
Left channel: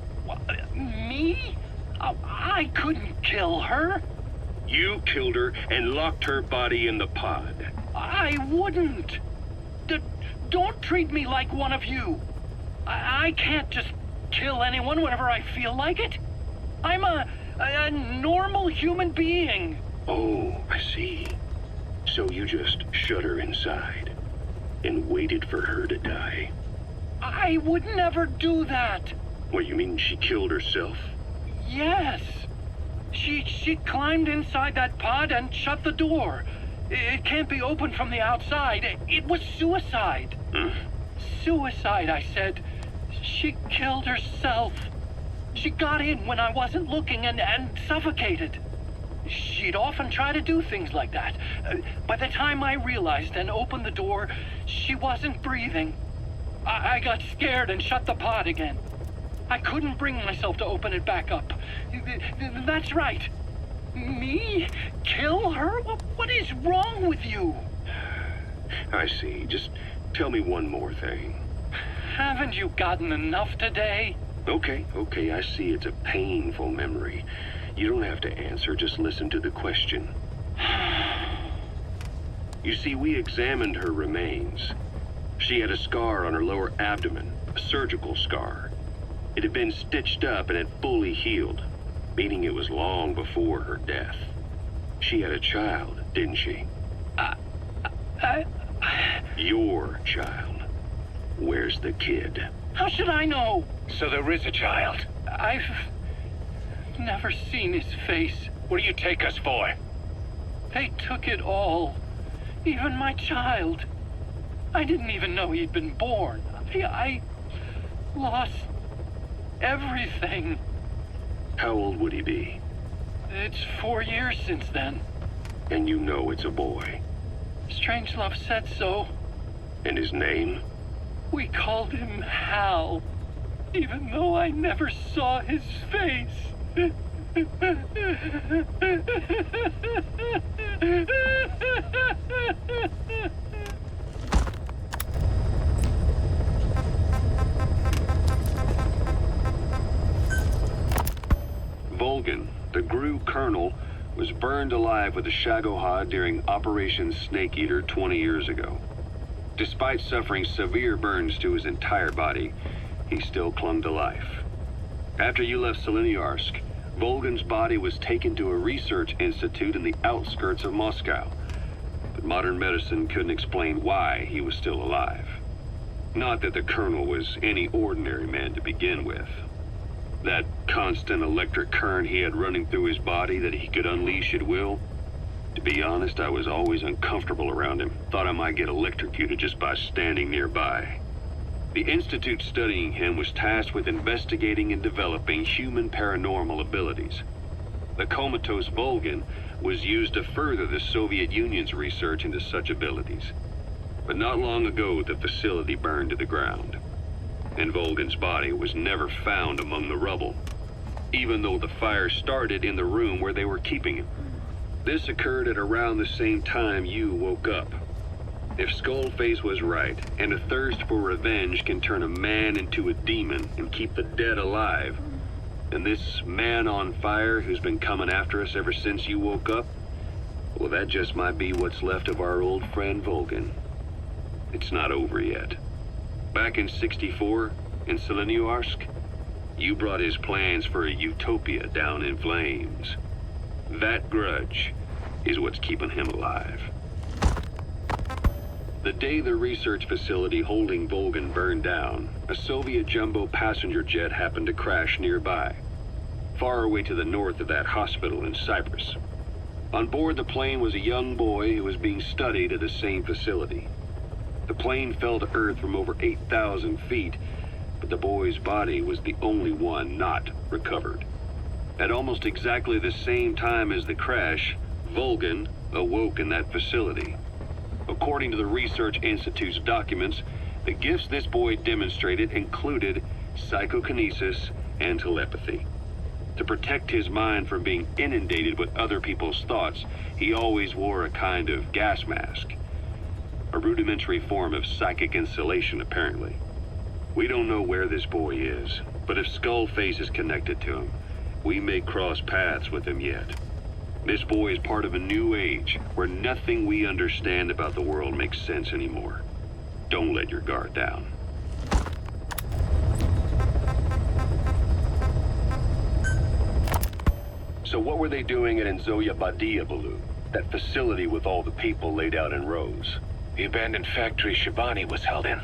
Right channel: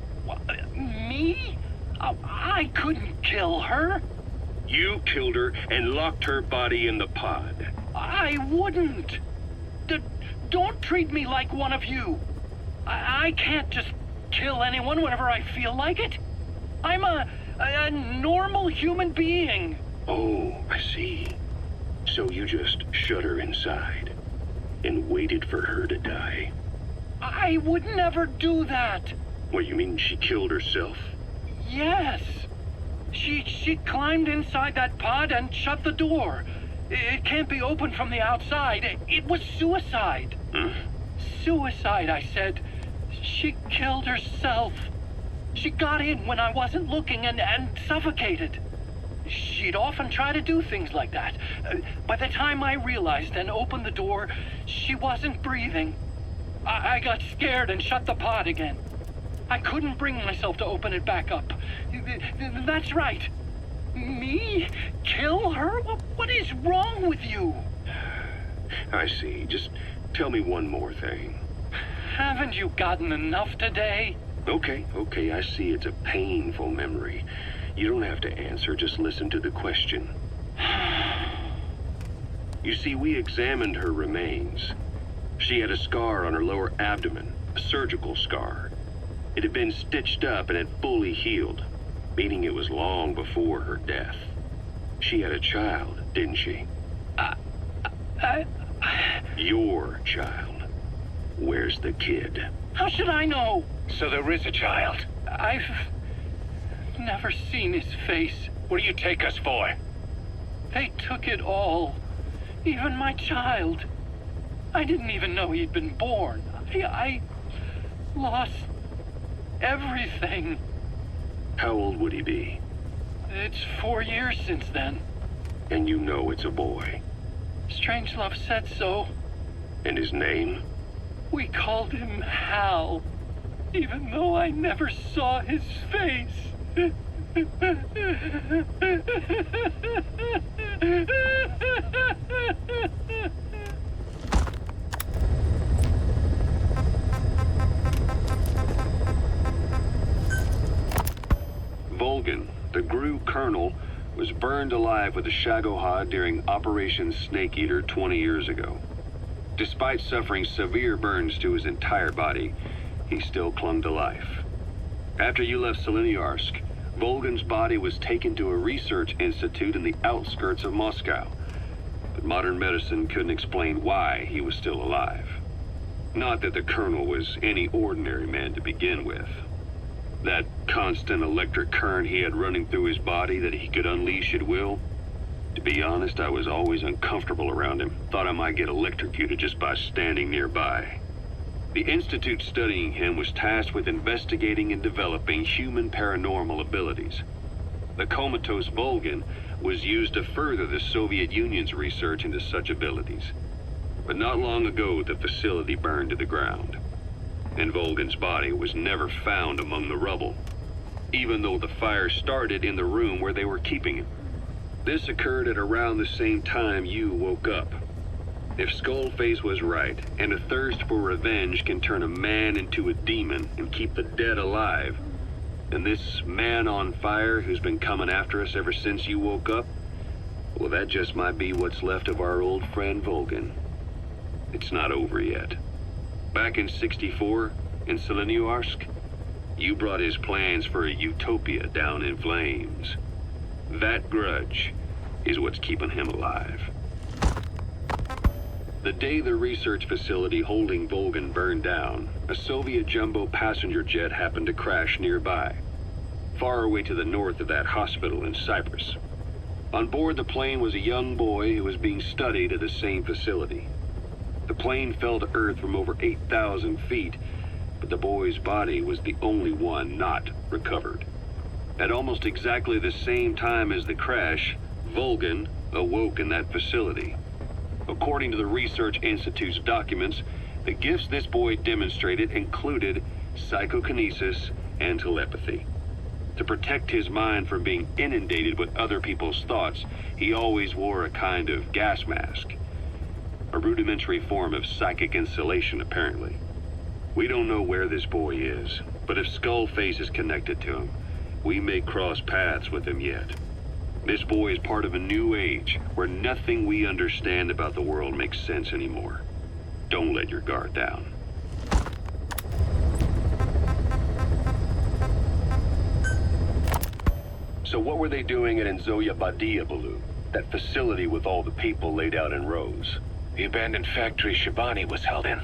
Me? I couldn't kill her. You killed her and locked her body in the pod. I wouldn't. Don't treat me like one of you. I can't just kill anyone whenever I feel like it. I'm a normal human being. Oh, I see. So you just shut her inside and waited for her to die. I would never do that. What, you mean she killed herself? Yes. She climbed inside that pod and shut the door. It can't be opened from the outside. It was suicide. Suicide, I said. She killed herself. She got in when I wasn't looking and suffocated. She'd often try to do things like that. By the time I realized and opened the door, she wasn't breathing. I got scared and shut the pod again. I couldn't bring myself to open it back up. That's right. Me? Kill her? What is wrong with you? I see. Just tell me one more thing. Haven't you gotten enough today? Okay, I see it's a painful memory. You don't have to answer, just listen to the question. You see, we examined her remains. She had a scar on her lower abdomen, a surgical scar. It had been stitched up and had fully healed, meaning it was long before her death. She had a child, didn't she? Your child. Where's the kid? How should I know? So there is a child. I've never seen his face. What do you take us for? They took it all. Even my child. I didn't even know he'd been born. I lost everything. How old would he be? It's 4 years since then. And you know it's a boy. Strangelove said so. And his name? We called him Hal, even though I never saw his face. Volgan, the GRU colonel, was burned alive with a Shagohod during Operation Snake Eater 20 years ago. Despite suffering severe burns to his entire body, he still clung to life. After you left Seleniarsk, Volgan's body was taken to a research institute in the outskirts of Moscow, but modern medicine couldn't explain why he was still alive. Not that the colonel was any ordinary man to begin with. That constant electric current he had running through his body that he could unleash at will. To be honest, I was always uncomfortable around him. Thought I might get electrocuted just by standing nearby. The institute studying him was tasked with investigating and developing human paranormal abilities. The comatose Volgan was used to further the Soviet Union's research into such abilities. But not long ago, the facility burned to the ground. And Volgan's body was never found among the rubble, even though the fire started in the room where they were keeping him. This occurred at around the same time you woke up. If Skullface was right, and a thirst for revenge can turn a man into a demon and keep the dead alive, then this man on fire who's been coming after us ever since you woke up, well, that just might be what's left of our old friend Volgan. It's not over yet. Back in '64, in Seleniarsk, you brought his plans for a utopia down in flames. That grudge is what's keeping him alive. The day the research facility holding Volgan burned down, a Soviet jumbo passenger jet happened to crash nearby, far away to the north of that hospital in Cyprus. On board the plane was a young boy who was being studied at the same facility. The plane fell to Earth from over 8,000 feet, but the boy's body was the only one not recovered. At almost exactly the same time as the crash, Volgan awoke in that facility. According to the Research Institute's documents, the gifts this boy demonstrated included psychokinesis and telepathy. To protect his mind from being inundated with other people's thoughts, he always wore a kind of gas mask. A rudimentary form of psychic insulation, apparently. We don't know where this boy is, but if Skullface is connected to him, we may cross paths with him yet. This boy is part of a new age, where nothing we understand about the world makes sense anymore. Don't let your guard down. So what were they doing at Enzoya Badia, Baloo? That facility with all the people laid out in rows? The abandoned factory Shabani was held in.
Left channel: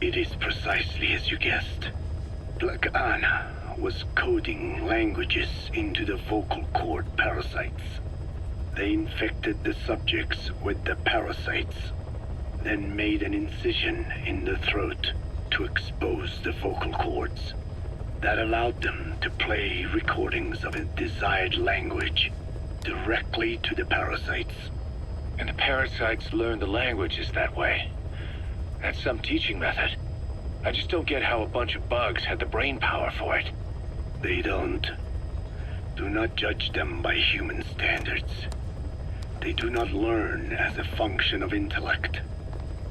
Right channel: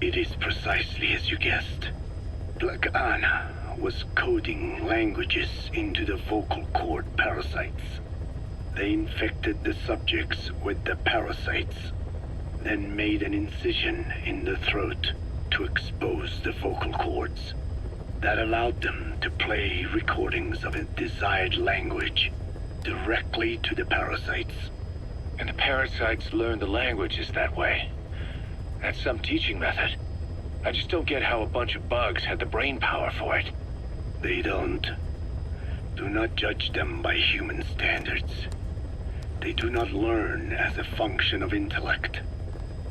It is precisely as you guessed. Black Anna was coding languages into the vocal cord parasites. They infected the subjects with the parasites, then made an incision in the throat to expose the vocal cords. That allowed them to play recordings of a desired language directly to the parasites. And the parasites learn the languages that way. That's some teaching method. I just don't get how a bunch of bugs had the brain power for it. They don't. Do not judge them by human standards. They do not learn as a function of intellect.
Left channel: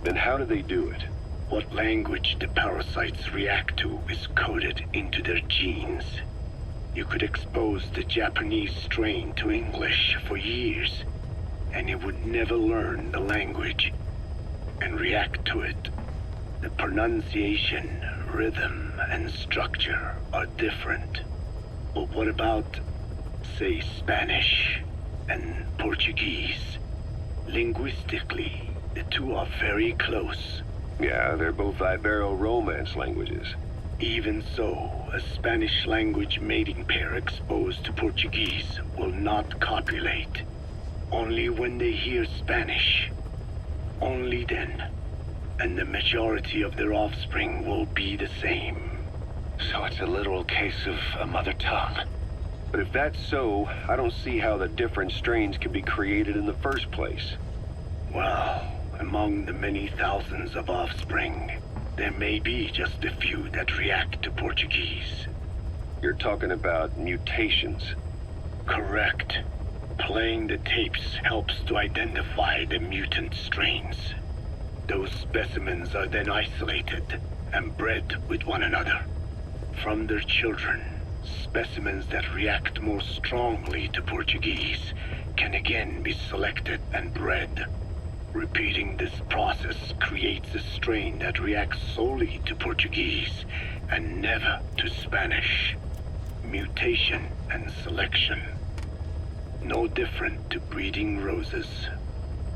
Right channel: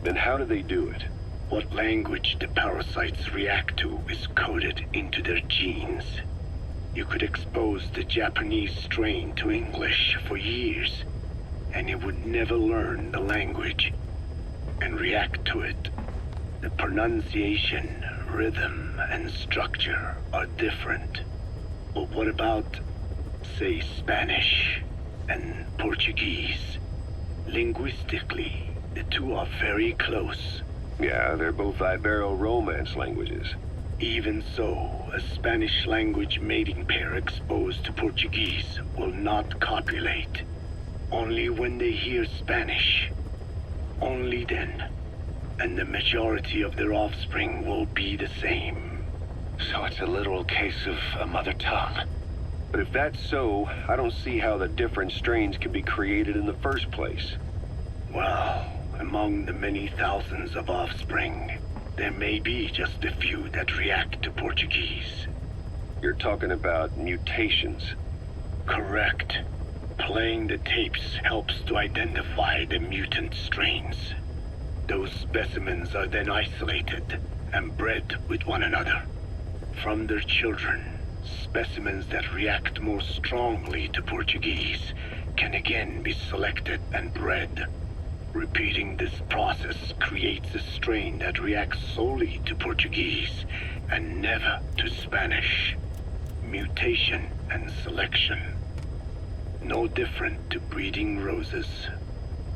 Then how do they do it? What language the parasites react to is coded into their genes. You could expose the Japanese strain to English for years, and it would never learn the language and react to it. The pronunciation, rhythm, and structure are different. But what about, say, Spanish and Portuguese? Linguistically, the two are very close. Yeah, they're both Ibero-Romance languages. Even so, a Spanish language mating pair exposed to Portuguese will not copulate. Only when they hear Spanish. Only then. And the majority of their offspring will be the same. So it's a literal case of a mother tongue. But if that's so, I don't see how the different strains could be created in the first place. Well, among the many thousands of offspring, There may be just a few that react to Portuguese. You're talking about mutations. Correct. Playing the tapes helps to identify the mutant strains. Those specimens are then isolated and bred with one another. From their children, specimens that react more strongly to Portuguese can again be selected and bred. Repeating this process creates a strain that reacts solely to Portuguese and never to Spanish. Mutation and selection. No different to breeding roses.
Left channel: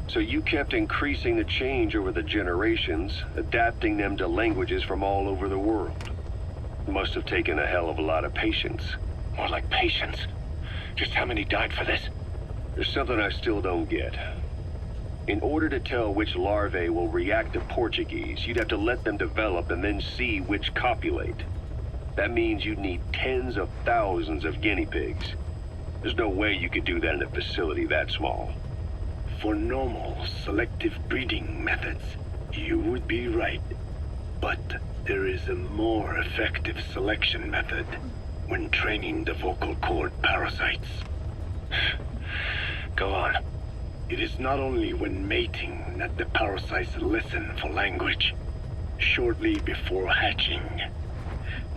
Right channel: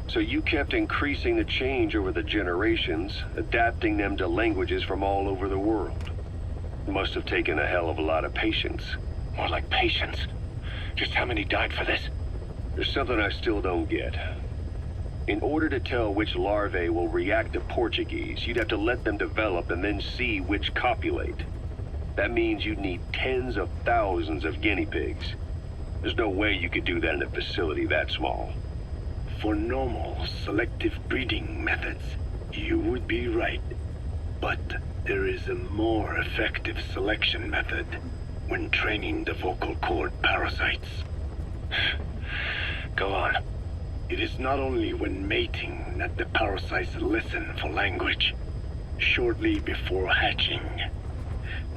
So you kept increasing the change over the generations, adapting them to languages from all over the world. Must have taken a hell of a lot of patience. More like patience. Just how many died for this? There's something I still don't get. In order to tell which larvae will react to Portuguese, you'd have to let them develop and then see which copulate. That means you'd need tens of thousands of guinea pigs. There's no way you could do that in a facility that small. For normal, selective breeding methods, you would be right. But there is a more effective selection method when training the vocal cord parasites. Go on. It is not only when mating that the parasites listen for language. Shortly before hatching,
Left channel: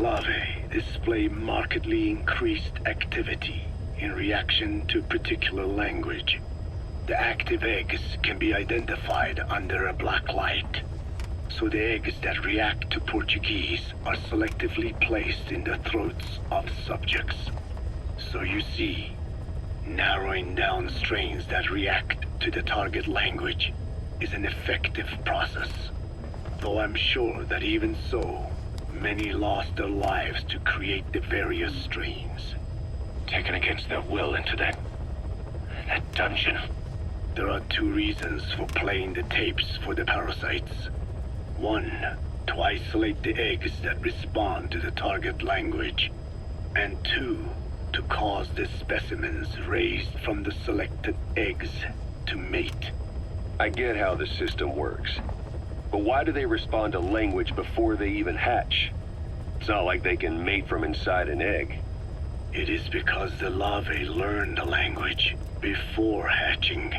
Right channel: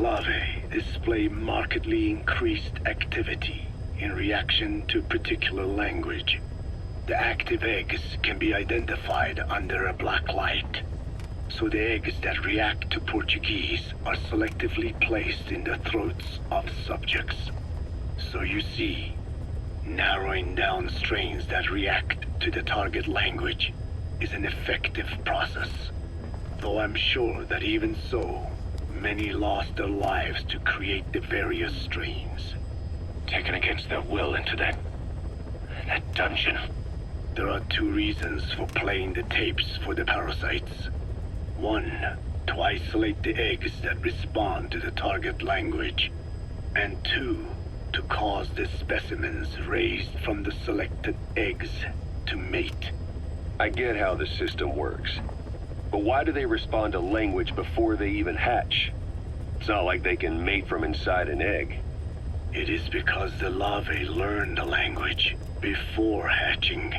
larvae display markedly increased activity in reaction to particular language. The active eggs can be identified under a black light, so the eggs that react to Portuguese are selectively placed in the throats of subjects. So you see, narrowing down strains that react to the target language is an effective process. Though I'm sure that even so, many lost their lives to create the various strains. Taken against their will into that dungeon. There are two reasons for playing the tapes for the parasites. One, to isolate the eggs that respond to the target language. And two, to cause the specimens raised from the selected eggs to mate. I get how the system works. But why do they respond to language before they even hatch? It's not like they can mate from inside an egg. It is because the larvae learn the language before hatching.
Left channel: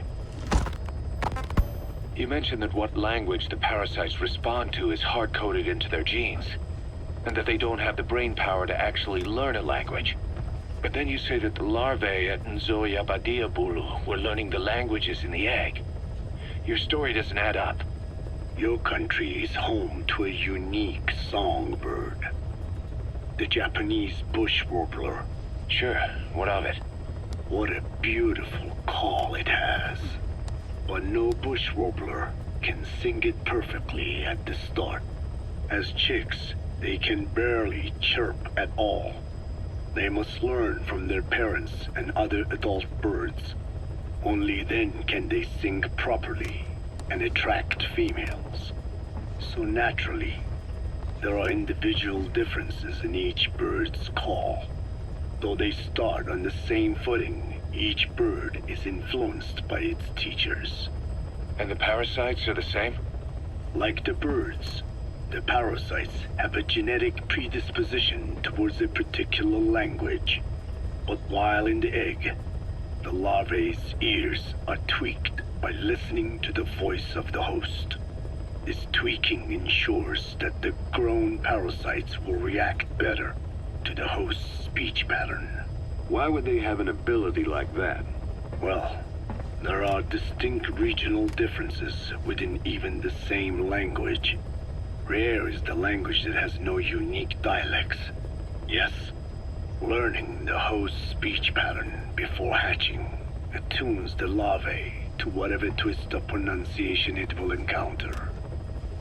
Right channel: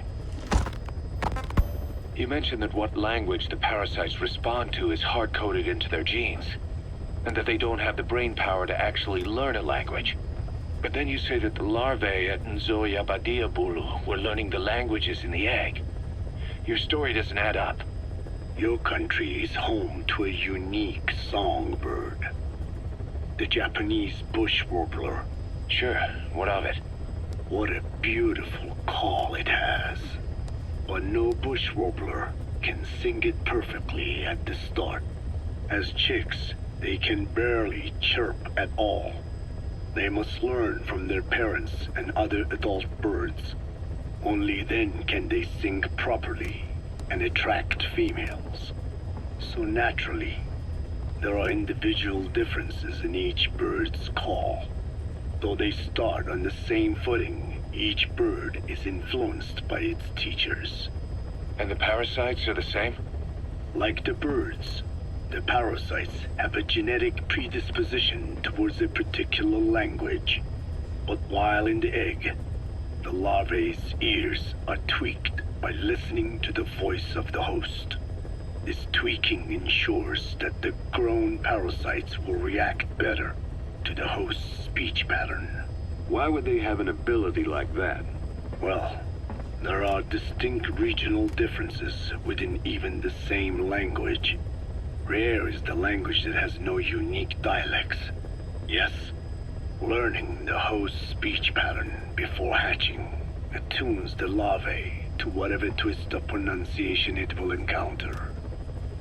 You mentioned that what language the parasites respond to is hard-coded into their genes, and that they don't have the brain power to actually learn a language. But then you say that the larvae at Nzoia Badia Bulu were learning the languages in the egg. Your story doesn't add up. Your country is home to a unique songbird. The Japanese bush warbler. Sure, what of it? What a beautiful call it has. But no bush warbler can sing it perfectly at the start. As chicks, they can barely chirp at all. They must learn from their parents and other adult birds. Only then can they sing properly and attract females. So naturally, there are individual differences in each bird's call. Though they start on the same footing, each bird is influenced by its teachers. And the parasites are the same? Like the birds, the parasites have a genetic predisposition towards a particular language. But while in the egg, the larvae's ears are tweaked by listening to the voice of the host. This tweaking ensures that the grown parasites will react better to the host's speech pattern. Why would they have an ability like that? Well, there are distinct regional differences within even the same language. Rare is the language that has no unique dialects. Yes, learning the host's speech pattern before hatching attunes the larvae to whatever twist of pronunciation it will encounter.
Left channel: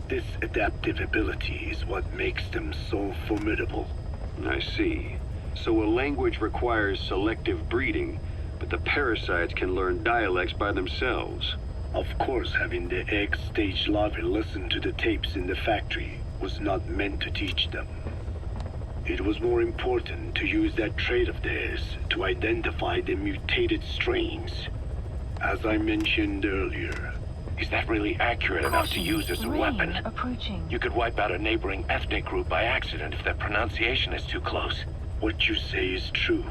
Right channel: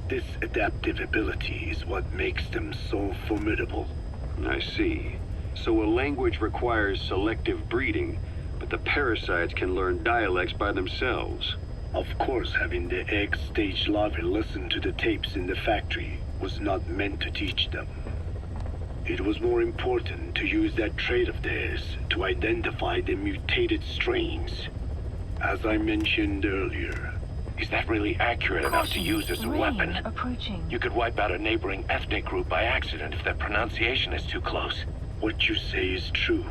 This adaptive ability is what makes them so formidable. I see. So a language requires selective breeding, but the parasites can learn dialects by themselves. Of course, having the egg-stage larvae listen to the tapes in the factory was not meant to teach them. It was more important to use that trait of theirs to identify the mutated strains. As I mentioned earlier, Is that really accurate enough to use as a weapon? Approaching. You could wipe out a neighboring ethnic group by accident if their pronunciation is too close. What you say is true.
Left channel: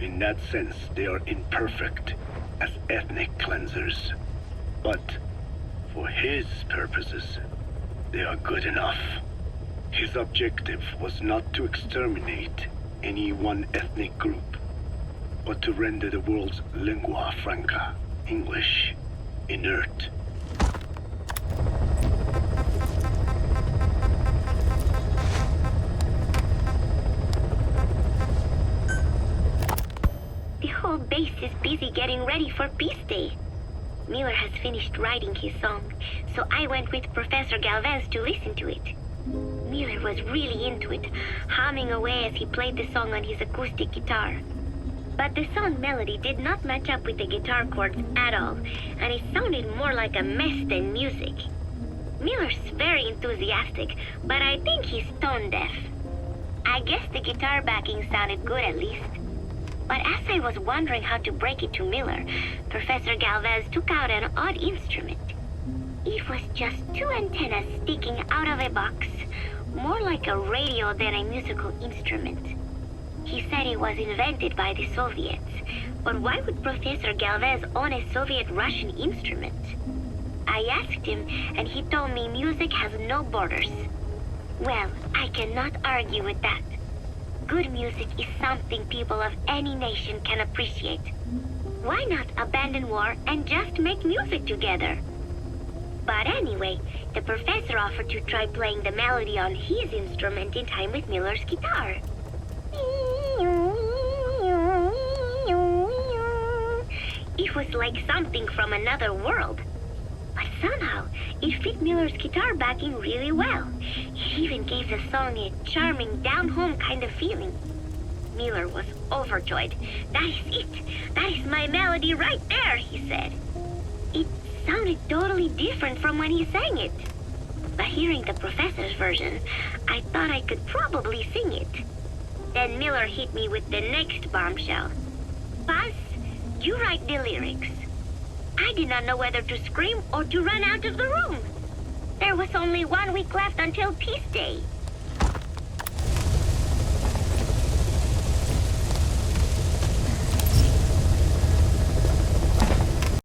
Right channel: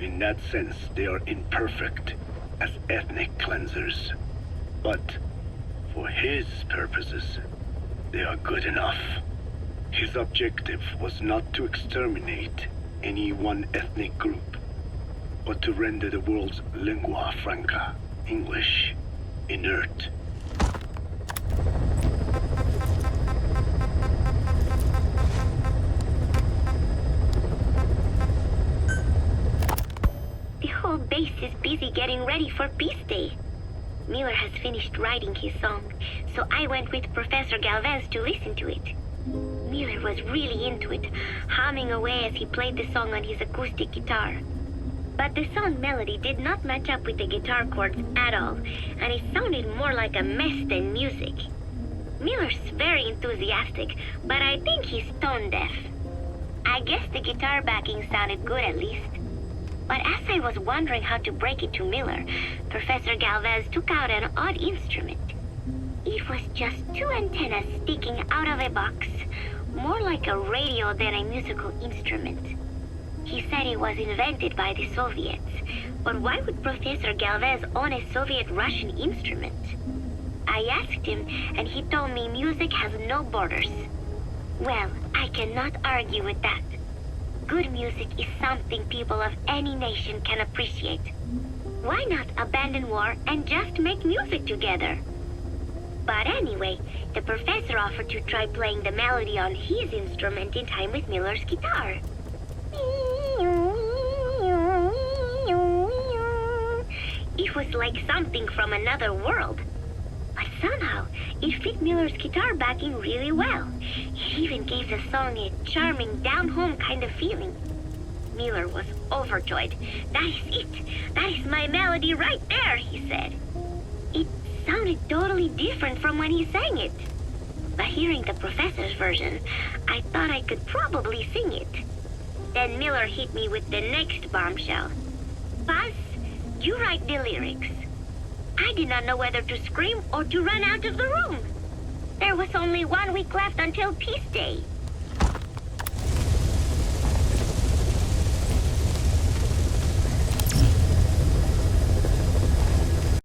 In that sense, they are imperfect as ethnic cleansers. But for his purposes, they are good enough. His objective was not to exterminate any one ethnic group, but to render the world's lingua franca, English, inert. The whole base is busy getting ready for Peace Day. Miller has finished writing his song, so I went with Professor Galvez to listen to it. Miller was really into it, humming away as he played the song on his acoustic guitar. But the song melody did not match up with the guitar chords at all, and it sounded more like a mess than music. Miller's very enthusiastic, but I think he's tone deaf. I guess the guitar backing sounded good at least. But as I was wondering how to break it to Miller, Professor Galvez took out an odd instrument. It was just two antennas sticking out of a box, more like a radio than a musical instrument. He said it was invented by the Soviets, but why would Professor Galvez own a Soviet-Russian instrument? I asked him, and he told me music has no borders. Well, I cannot argue with that. Good music is something people of any nation can appreciate. Why not abandon war and just make music together? But anyway, the professor offered to try playing the melody on his instrument in time with Miller's guitar. It was like something from another world. But somehow, it fit Miller's guitar backing really well. It even gave the song a charming, down-home kind of feeling. Miller was overjoyed. "That is it! That is my melody right there," he said. It sounded totally different from when he sang it. But hearing the professor's version, I thought I could probably sing it. Then Miller hit me with the next bombshell. "Buzz, you write the lyrics." I did not know whether to scream or to run out of the room. There was only 1 week left until Peace Day.